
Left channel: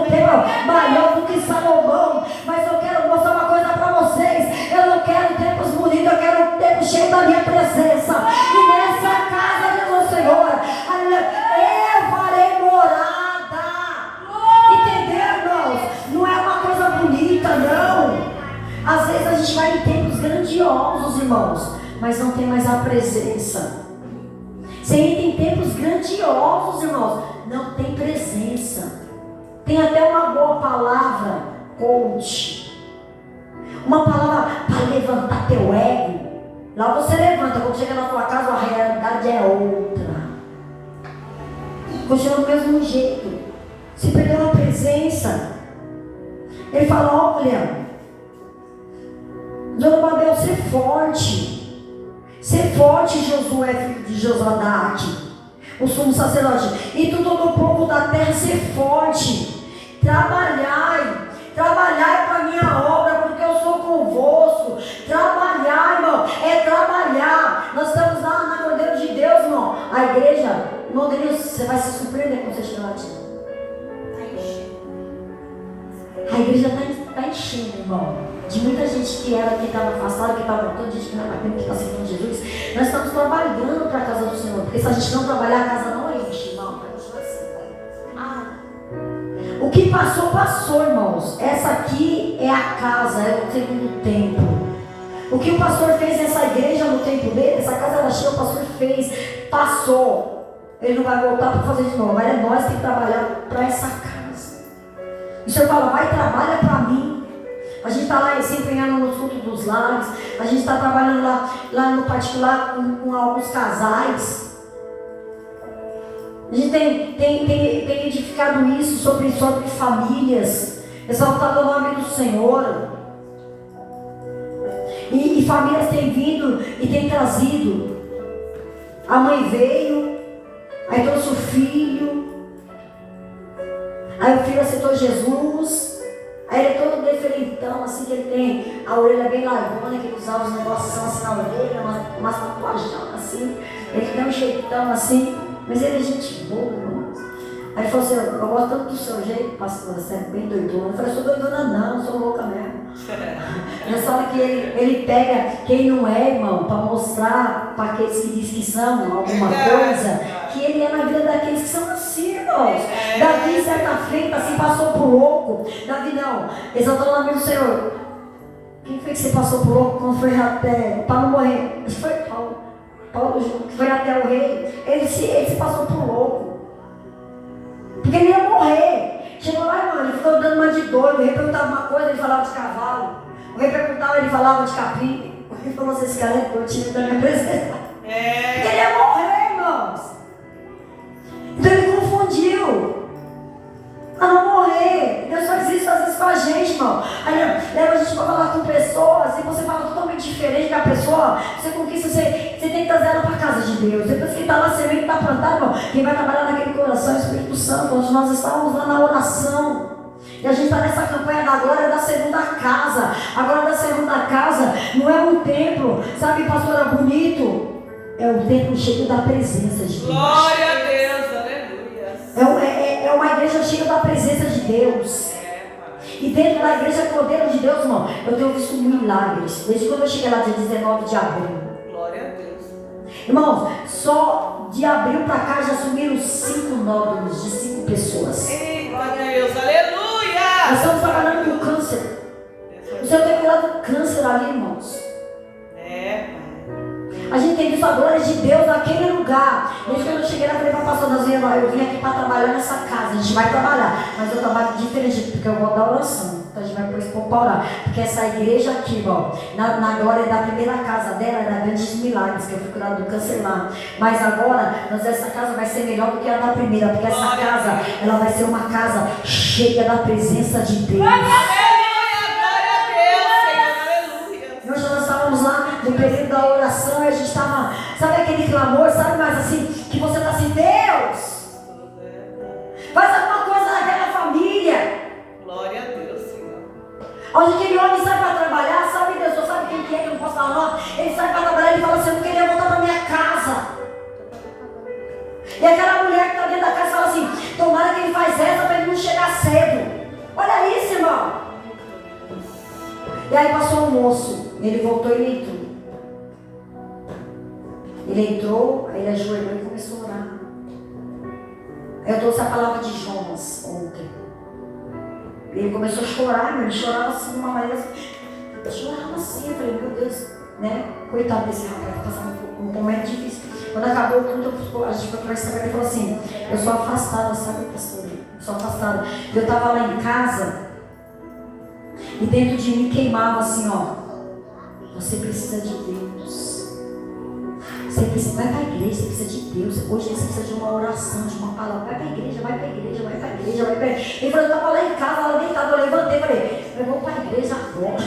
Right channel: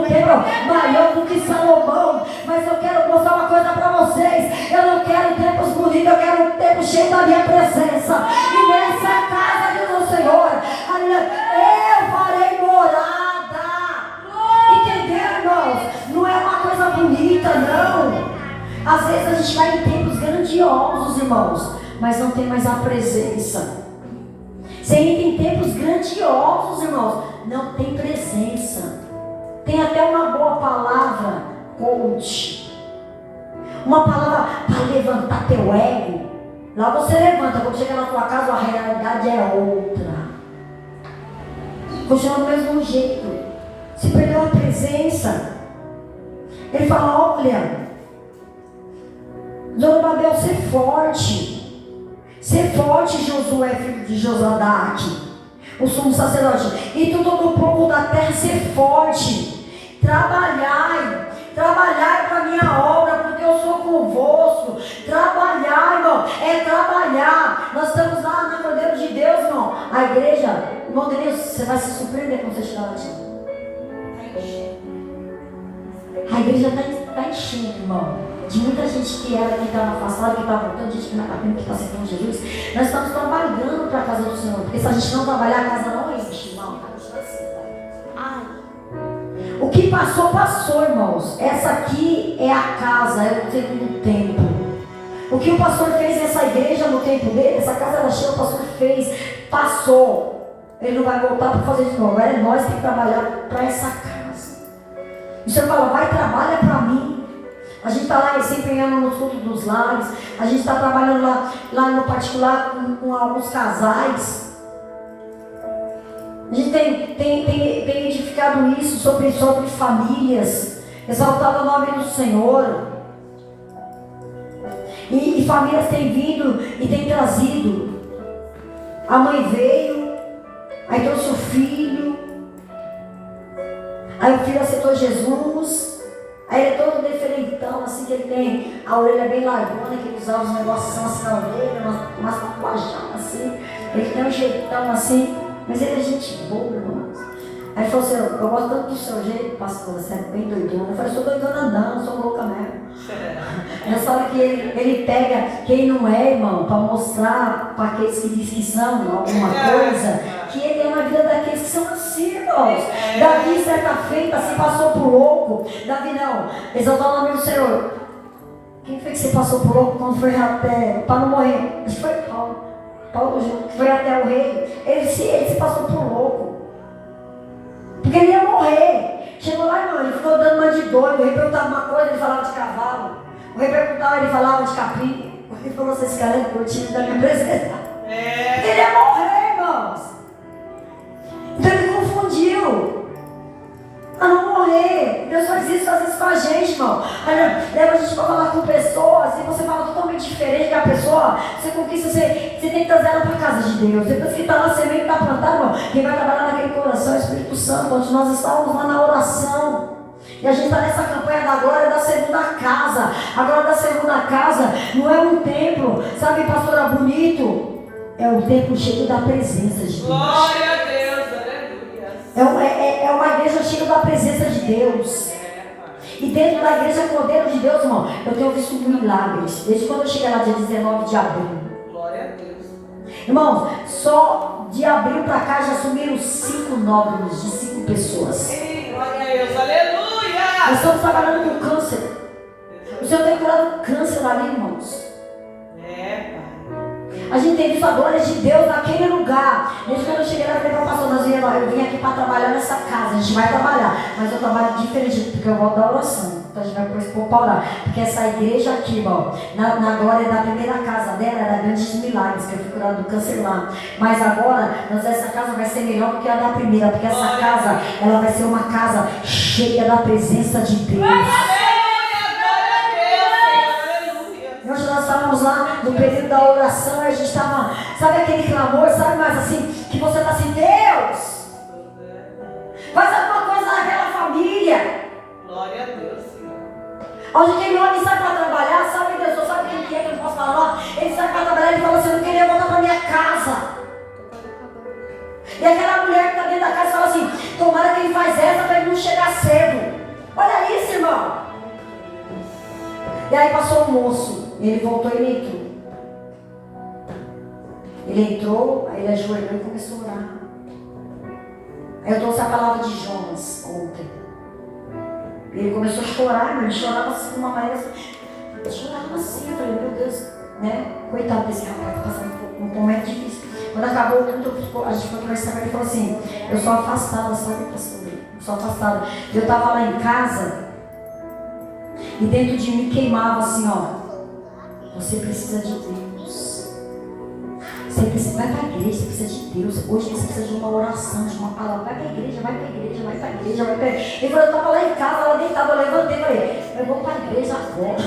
templo maior do que Salomão. Mas eu quero mostrar uma coisa para vocês. Eu não quero templos bonitos, eu quero um templo cheio da minha presença. E nessa casa, diz o Senhor, eu farei morada. Entendeu, irmãos? Não é uma coisa bonita, não. Às vezes a gente vai em templos grandiosos, irmãos, mas não tem mais a presença. Você entra em templos grandiosos, irmãos, não tem presença. Tem até uma boa palavra, coach, uma palavra para levantar teu ego. Lá você levanta, quando chega na tua casa a realidade é outra. Continua do mesmo jeito. Se perdeu a presença. Ele fala, olha, Zorobabel, ser forte. Ser forte, Josué, filho de Josadaque, o sumo sacerdote, e tu todo o povo da terra, ser forte. Trabalhai para a minha obra, porque eu sou convosco. Trabalhar, irmão, é trabalhar. Nós estamos lá na Cordeiro de Deus, irmão. A igreja, irmão Denilson, você vai se surpreender quando você chegar lá. A igreja está enchendo, irmão. De muita gente que era, que estava afastada, que estava voltando, gente que não é batendo, que está aceitando Jesus. Nós estamos trabalhando para a casa do Senhor. Porque se a gente não trabalhar, a casa não enche, irmão. O que passou, passou, irmãos. Essa aqui é a casa, é o segundo templo. O que o pastor fez nessa igreja, no templo dele, essa casa era cheia, o pastor fez, passou. Ele não vai voltar para fazer de novo. Mas é nós que temos que trabalhar para essa casa. O Senhor fala, vai, trabalha para mim. A gente está lá se empenhando no culto dos lares. A gente está trabalhando lá no particular com alguns casais. A gente tem edificado isso sobre famílias. Exaltado o nome do Senhor. E famílias têm vindo e têm trazido. A mãe veio, aí trouxe o filho. Aí o filho aceitou Jesus. Aí ele é todo diferentão, assim, que ele tem a orelha bem largona, que ele usava os negócios assim na orelha, umas tatuagens assim. Ele tem um jeitão assim, mas ele é gente boa, irmão. Aí ele falou assim, eu gosto tanto do seu jeito, pastor, você é bem doidona. Eu falei, sou doidona não, sou louca mesmo. Nessa hora que ele pega quem não é, irmão, para mostrar para aqueles que dizem que são alguma coisa, que ele é na vida daqueles que são assim, irmãos. Davi, certa feita, se passou por louco. Davi não, exaltou o nome do Senhor. Quem foi que se passou por louco quando foi até, para não morrer? Acho que foi Paulo. Paulo foi até o rei. Ele se passou por louco. Porque ele ia morrer. Chegou lá, irmão, ele ficou dando uma de doido. O rei perguntava uma coisa, ele falava de cavalo. O rei perguntava, ele falava de capim. O rei falou assim, esse cara é curtido da minha presença. Porque ele ia morrer, irmãos. Então ele confundiu. A não morrer. Deus faz isso com a gente, irmão. Aí leva a gente vai falar com pessoas e você fala totalmente diferente da pessoa, você conquista, você tem que trazer ela para a casa de Deus. Depois que está lá, a semente está plantada, irmão, quem vai trabalhar naquele coração é o Espírito Santo, onde nós estávamos lá na oração. E a gente está nessa campanha da glória da segunda casa. A glória da segunda casa não é um templo, sabe, pastora, bonito? É um templo cheio da presença de Deus. Glória a Deus, aleluia. É uma igreja cheia da presença de Deus. E dentro da igreja Cordeiro de Deus, irmão, eu tenho visto milagres. Desde quando eu cheguei lá dia 19 de abril. Glória a Deus. Irmãos, só de abril para cá já sumiram 5 nódulos de 5 pessoas. Ei, glória a Deus, aleluia. Nós estamos trabalhando com câncer. O Senhor tem curado câncer ali, irmãos. A gente tem visto a glória de Deus naquele lugar. Desde quando eu cheguei lá, eu falei para o pastor Nazinha, eu vim aqui para trabalhar nessa casa. A gente vai trabalhar, mas eu trabalho diferente, porque eu gosto da oração. Então a gente vai pôr esse povo para orar. Porque essa igreja aqui, irmão, na glória da primeira casa dela, era grandes milagres, que eu fui curado do câncer lá. Mas agora, essa casa vai ser melhor do que a da primeira, porque essa casa, ela vai ser uma casa cheia da presença de Deus. Nós estávamos lá no período da oração e a gente estava, sabe aquele clamor, sabe, mas assim, que você está assim, Deus, faz alguma coisa naquela família. Glória a Deus, Senhor. Onde aquele homem sai para trabalhar, sabe, Deus, sabe quem que é que eu não posso falar nome? Ele sai para trabalhar e ele fala assim, eu não queria voltar para minha casa. E aquela mulher que está dentro da casa fala assim, tomara que ele faz essa para ele não chegar cedo. Olha isso, irmão. E aí passou um moço, ele voltou e ele entrou. Ele entrou, aí ele ajoelhou e começou a orar. Aí eu trouxe a palavra de Jonas ontem. Ele começou a chorar, ele chorava assim de uma maneira assim, chorava assim, eu falei, meu Deus, né? Coitado desse rapaz, tá passando um momento difícil. Quando acabou o culto, a gente foi conversar com ele e falou assim, eu sou afastada, sabe, pastor? Eu sou afastada. Eu estava lá em casa. E dentro de mim queimava assim, ó. Você precisa de Deus. Você precisa, vai para a igreja, você precisa de Deus. Hoje você precisa de uma oração, de uma palavra. Vai para a igreja, vai para a igreja, vai para a igreja, vai para a igreja. Ele falou, eu estava lá em casa, lá deitado, eu levantei e falei, eu vou para a igreja agora.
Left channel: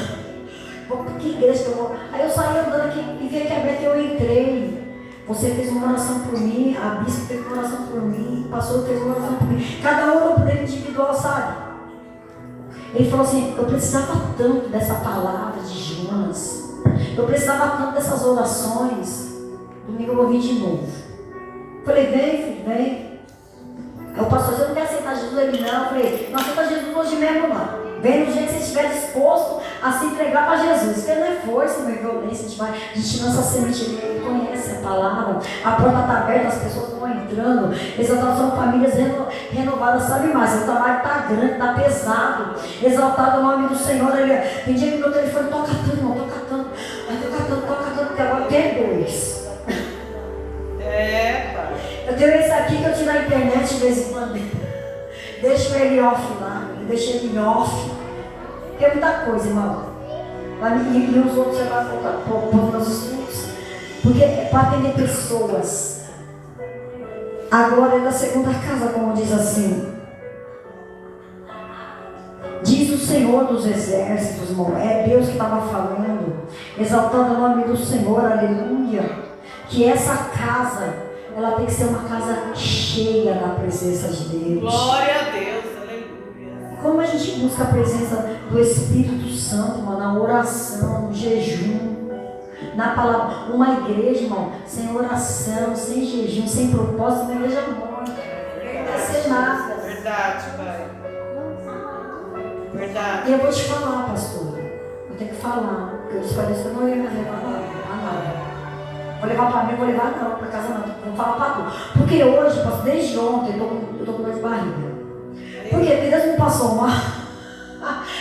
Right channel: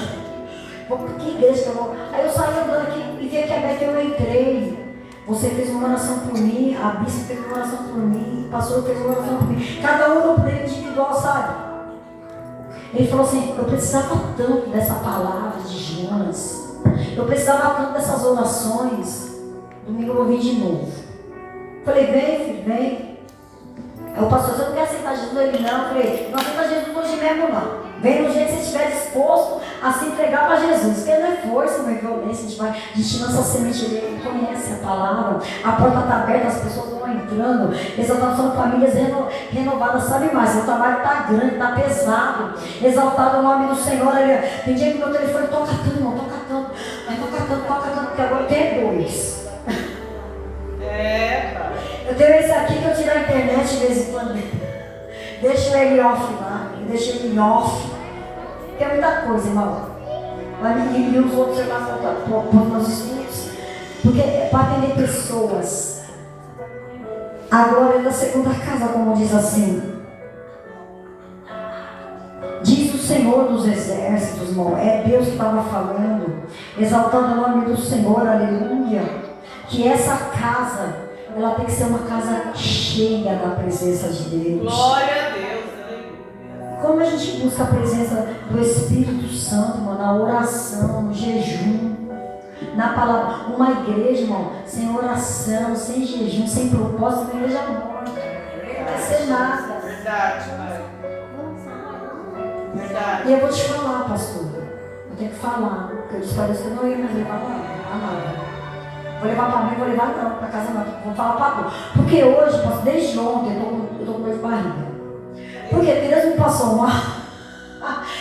Vou para que igreja que eu vou? Aí eu saí andando aqui e vi que a Beth, eu entrei. Você fez uma oração por mim, a bispa fez uma oração por mim, o pastor fez uma oração por mim. Cada um no poder individual, sabe? Ele falou assim, eu precisava tanto dessa palavra de Jonas. Eu precisava tanto dessas orações. Domingo eu ouvi de novo. Falei, vem filho, vem. Aí o pastor, você não quer aceitar Jesus? Ele não. Eu falei, não aceita Jesus hoje mesmo não. Vem no dia que você estiver disposto a se entregar para Jesus. Porque não é força, não é violência. A gente lança a semente, ele conhece a palavra. A porta está aberta, as pessoas vão entrando. Exaltação de famílias renovadas, sabe mais? O trabalho está grande, está pesado. Exaltado o nome do Senhor. Tem dia que meu telefone toca tanto, irmão, toca tanto. Mas toca tanto, porque agora tem 2. Eu tenho esse aqui que eu tiro na internet de vez em quando. Deixo ele off lá. Eu deixo ele off. Tem muita coisa, irmão. E os outros, sei lá, põe nos estudos. Porque é para atender pessoas. A glória da segunda casa, como diz assim. Diz o Senhor dos exércitos, irmão. É Deus que estava falando. Exaltando o nome do Senhor, aleluia. Que essa casa, ela tem que ser uma casa cheia da presença de Deus. Glória a Deus, aleluia. Como a gente busca a presença do Espírito Santo, irmão, na oração, no jejum, na palavra. Uma igreja, irmão, sem oração, sem jejum, sem propósito, uma igreja morta. Não vai ser nada. Verdade, Pai. Verdade. E eu vou te falar, pastor. Eu tenho que falar. Porque eu disse para Deus que eu não ia me levar para nada. Vou levar para mim, vou levar não, para casa não. Vou falar para tu. Porque hoje, pastor, desde ontem, eu tô com dor de barriga. Porque Deus me passou mal.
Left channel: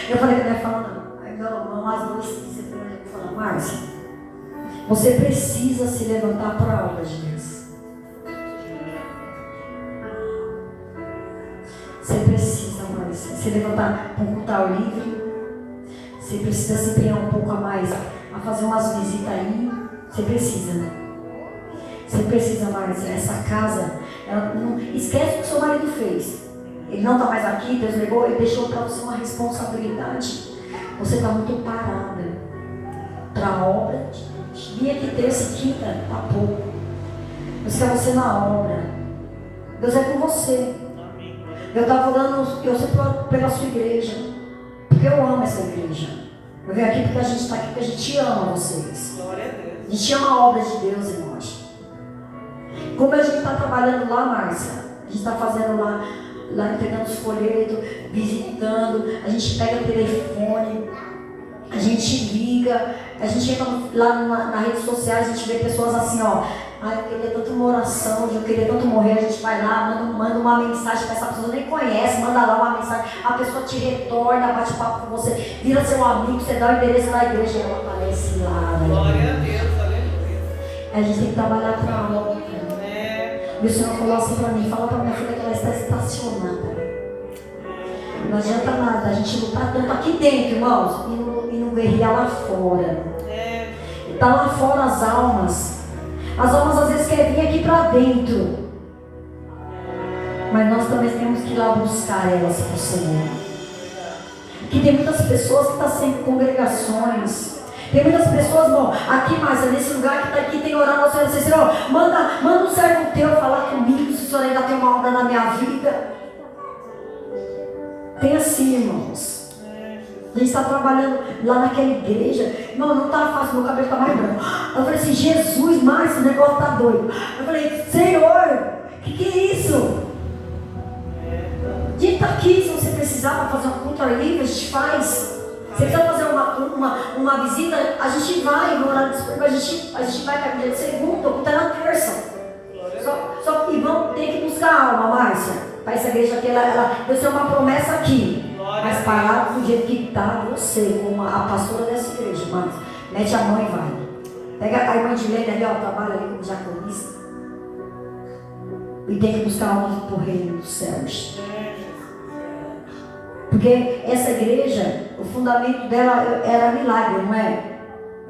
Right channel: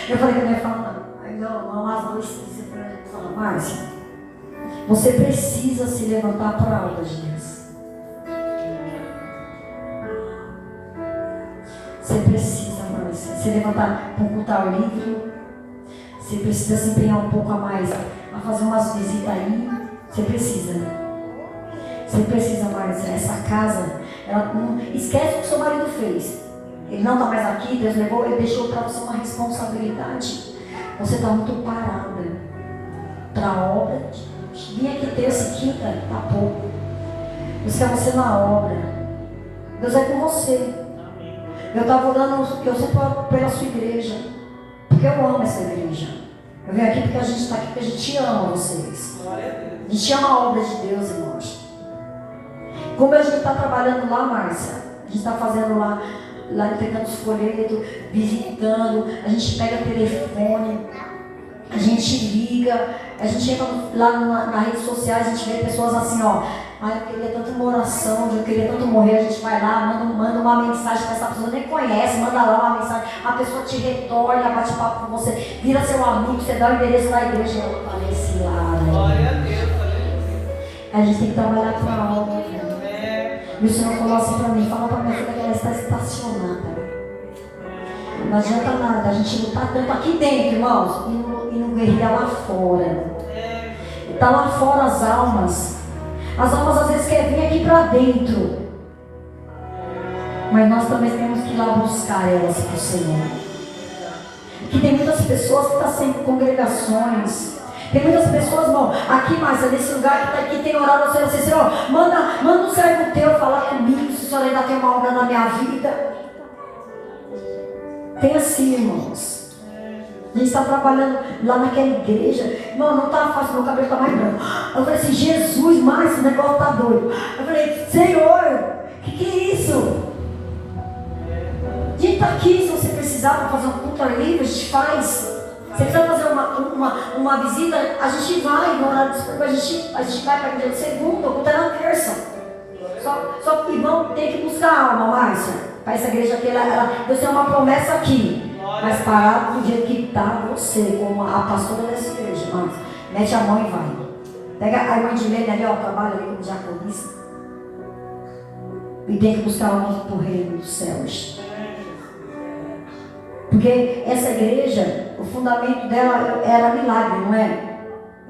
Eu falei que eu não ia falar não. Aí não, as duas você fala, Márcia, você precisa se levantar para a obra de Deus. Você precisa, Márcia, se levantar para um culto ao livre. Você precisa se empenhar um pouco a mais, a fazer umas visitas aí. Você precisa. Você precisa, Márcia. Essa casa, ela não esquece o que seu marido fez. Ele não está mais aqui, Deus levou, ele deixou para você uma responsabilidade. Você está muito parada para a obra. Vim aqui terça e quinta, tá pouco. Buscar você na obra. Deus é com você. Eu estava orando, eu sempre oro pela sua igreja. Porque eu amo essa igreja. Eu venho aqui porque a gente está aqui, porque a gente ama vocês. A gente ama a obra de Deus, irmãos. Como a gente está trabalhando lá, Márcia, a gente está fazendo lá entregando os folhetos, visitando, a gente pega telefone, a gente liga, a gente entra lá nas redes sociais, a gente vê pessoas assim, ó. Ai, eu queria tanto uma oração, eu queria tanto morrer, a gente vai lá, manda uma mensagem que essa pessoa nem conhece, manda lá uma mensagem, a pessoa te retorna, bate papo com você, vira seu amigo, você dá o endereço na igreja e ela aparece lá. Glória a Deus, aleluia. A gente tem que trabalhar para a obra. E o Senhor falou assim para mim, fala para minha filha que ela está estacionada. Não adianta nada, a gente lutar tanto aqui dentro, irmãos, e não guerrear lá fora. Está lá fora as almas. As almas às vezes querem vir aqui para dentro. Mas nós também temos que ir lá buscar elas para o Senhor. Porque tem muitas pessoas que estão sem congregações. Tem muitas pessoas, bom, aqui mais, nesse lugar que está aqui, tem orado ao Senhor, assim, Senhor, manda um servo teu falar comigo, se o Senhor ainda tem uma obra na minha vida. Tem assim, irmãos. A gente está trabalhando lá naquela igreja. Irmão, não está fácil, meu cabelo está mais branco. Eu falei assim, Jesus, Márcio, esse negócio está doido. Eu falei, Senhor, que é isso? A gente está aqui, se você precisar para fazer um culto ao livre, a gente faz. Se você quiser fazer uma visita, a gente vai no horário disponível, a gente vai para a igreja de segunda, ou até na terça. Só que vamos ter que buscar alma, Márcia. Para essa igreja aqui, Deus tem uma promessa aqui. Mas parado do jeito que está você, como a pastora dessa igreja, Márcia. Mete a mão e vai. Pega a irmã de Lene ali, ó, trabalha ali como diaconista. E tem que buscar alma para o reino dos céus. Porque essa igreja, o fundamento dela era milagre, não é?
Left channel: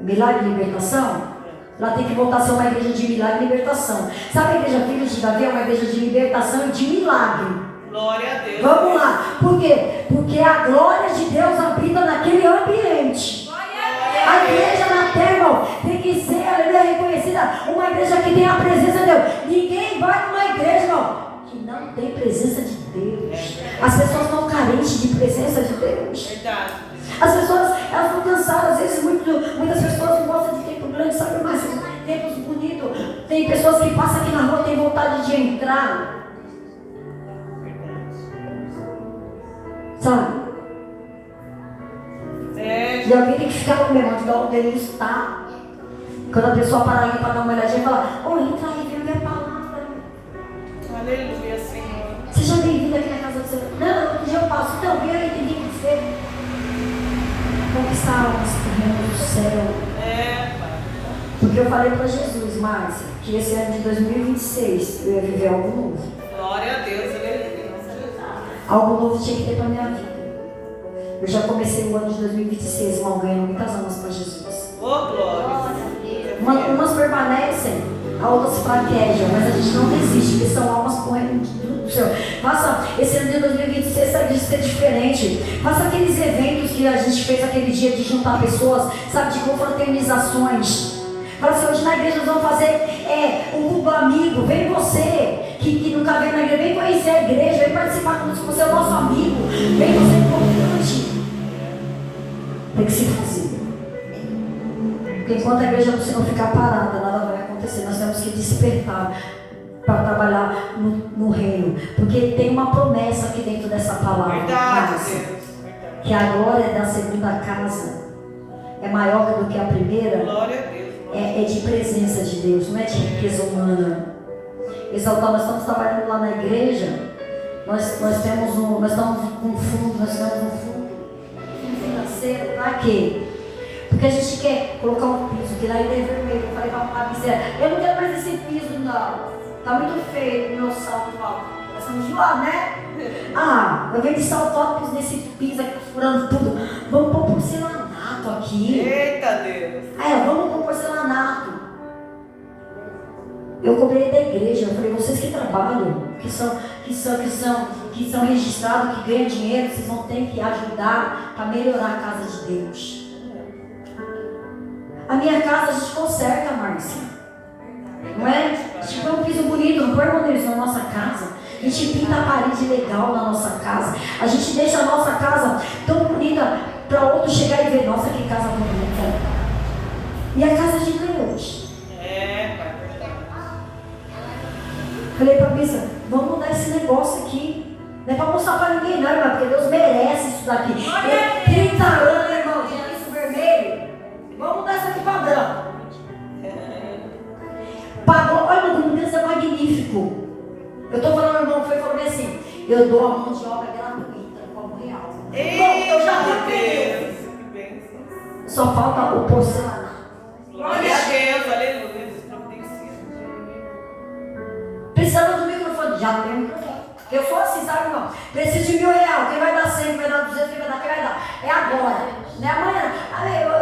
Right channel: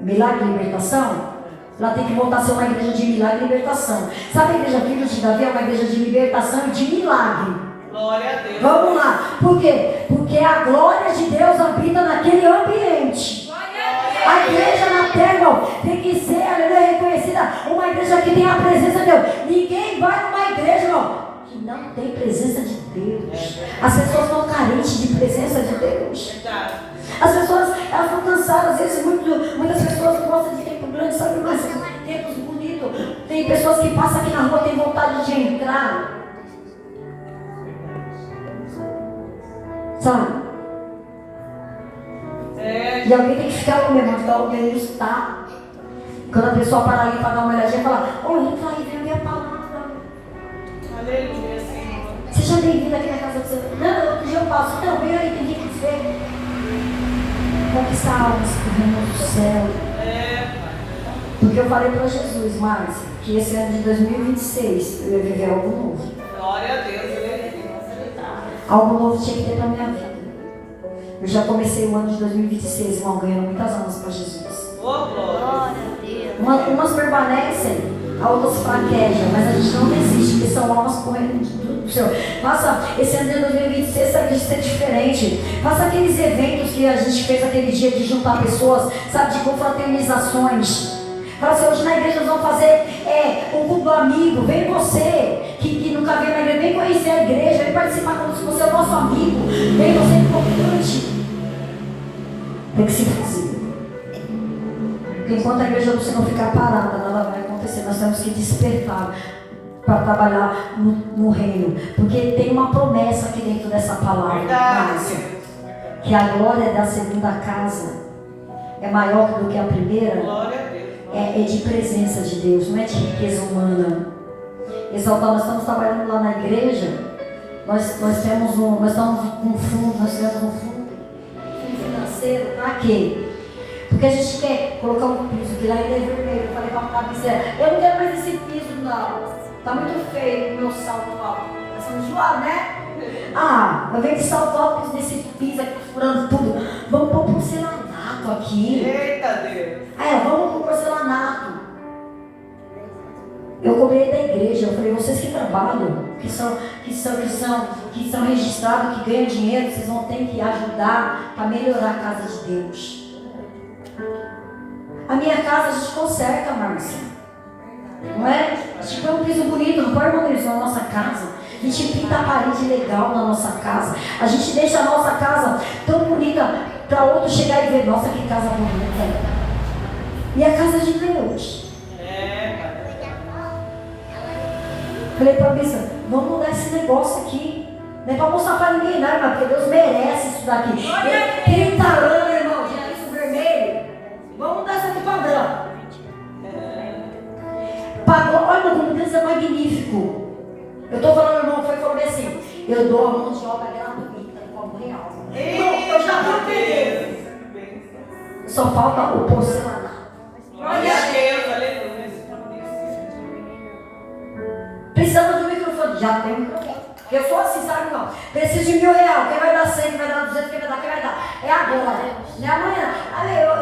Milagre e libertação. Ela tem que voltar a ser uma igreja de milagre e libertação. Sabe a igreja Filhos de Davi é uma igreja de libertação e de milagre. Glória a Deus. Vamos lá. Por quê? Porque a glória de Deus habita naquele ambiente. A igreja na terra, irmão, tem que ser, aleluia, reconhecida uma igreja que tem a presença de Deus. Ninguém vai numa igreja, irmão, que não tem presença de Deus. As pessoas estão carentes de presença de Deus. Verdade. As pessoas, elas estão cansadas, às vezes muitas pessoas não gostam de tempo grande, sabe, mas tempos bonitos. Tem pessoas que passam aqui na rua e têm vontade de entrar. Sabe? E alguém tem que ficar com mesmo, ficar olhando está. Quando a pessoa para ali para dar uma olhadinha e fala, ô, entra aí, vem minha palavra. Aleluia, Senhor. Seja bem-vindo aqui na casa do Senhor. Não, outro dia eu passo, então vem aí, tem que ver. Conquistar almas para o reino do céu. Porque eu falei para Jesus, Márcia, que esse ano de 2026 eu ia viver algo novo. Glória a Deus, aleluia. Algo novo tinha que ter para minha vida. Eu já comecei o ano de 2026, irmão, ganhando muitas almas para Jesus. Oh, glória. Umas permanecem, a outras fraquejam, mas a gente não desiste, porque são almas para o reino do Senhor. Faça esse ano de 2026, sabe, de ser diferente. Faça aqueles eventos que a gente fez aquele dia de juntar pessoas, sabe, de confraternizações. Fala assim, hoje na igreja nós vamos fazer um culto amigo. Vem você, que nunca veio na igreja, vem conhecer a igreja, vem participar como se você é o nosso amigo. Vem você importante. Tem que se fazer. Porque enquanto a igreja do Senhor ficar parada, nada vai acontecer. Nós temos que despertar para trabalhar no reino. Porque tem uma promessa aqui dentro dessa palavra. Verdade. Que a glória da segunda casa é maior do que a primeira. Glória a Deus. É de presença de Deus, não é de riqueza humana. Exaltar, nós estamos trabalhando lá na igreja. Nós estamos com um fundo financeiro. Para quê? Porque a gente quer colocar um piso, que lá ainda é vermelho. Eu falei para a miséria, eu não quero mais esse piso, não. Está muito feio o meu salto alto. Nós vamos enjoar, né? Eu venho de salto alto nesse piso aqui, furando tudo. Vamos pôr porcelanato aqui. Eita Deus. Vamos pôr porcelanato. Eu cobrei da igreja. Eu falei, vocês que trabalham, que são que são registrados, que ganham dinheiro, vocês vão ter que ajudar para melhorar a casa de Deus. A minha casa a gente conserta, Márcia. Não é? A gente põe um piso bonito, não põe, irmão Deus, na nossa casa. A gente pinta a parede legal na nossa casa. A gente deixa a nossa casa tão bonita para outro chegar e ver, nossa, que casa bonita. E a casa de Deus. Falei para a Bíblia, vamos mudar esse negócio aqui. Não é para mostrar para ninguém, não, irmão, porque Deus merece isso daqui. 30 anos, irmão, já isso vermelho. Vamos mudar isso aqui para branco. Pagou, olha, como Deus é magnífico. Eu estou falando, irmão, foi falando assim, eu dou a mão de obra gratuita, como real. Irmão, eu já tenho pedido. Só falta o porcelanato. Glória a Deus, aleluia. Precisamos do microfone, já tem um microfone. Eu sou assim, sabe, irmão? Preciso de R$1.000. Quem vai dar 100, quem vai dar 200, quem vai dar, quem vai dar? É agora, não é amanhã.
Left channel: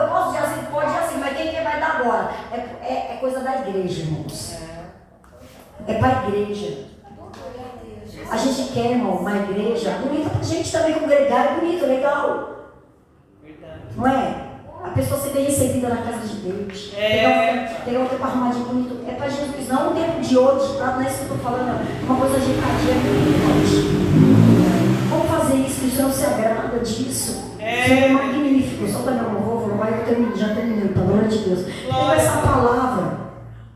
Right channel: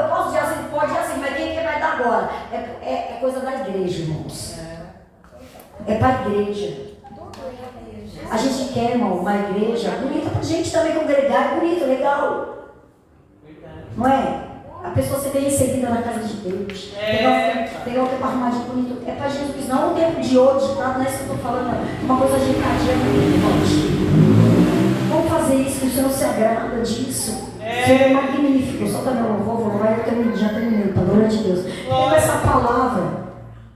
Eu posso dizer assim, pode dizer assim, mas quem vai dar agora? É coisa da igreja, irmãos. É para a igreja. A gente quer, irmão, uma igreja bonita pra gente também congregar, é bonito, legal. Não é? A pessoa ser bem recebida na casa de Deus. Pegar o tempo arrumadinho bonito. É para Jesus, não um tempo de ouro, de prata, não é isso que eu estou falando. Uma coisa ajeitadinha, irmãos. Vamos fazer isso, que o Senhor se agrada disso. O Senhor é magnífico. Só para meu louvor, já terminei, para a glória de Deus. Pega essa palavra.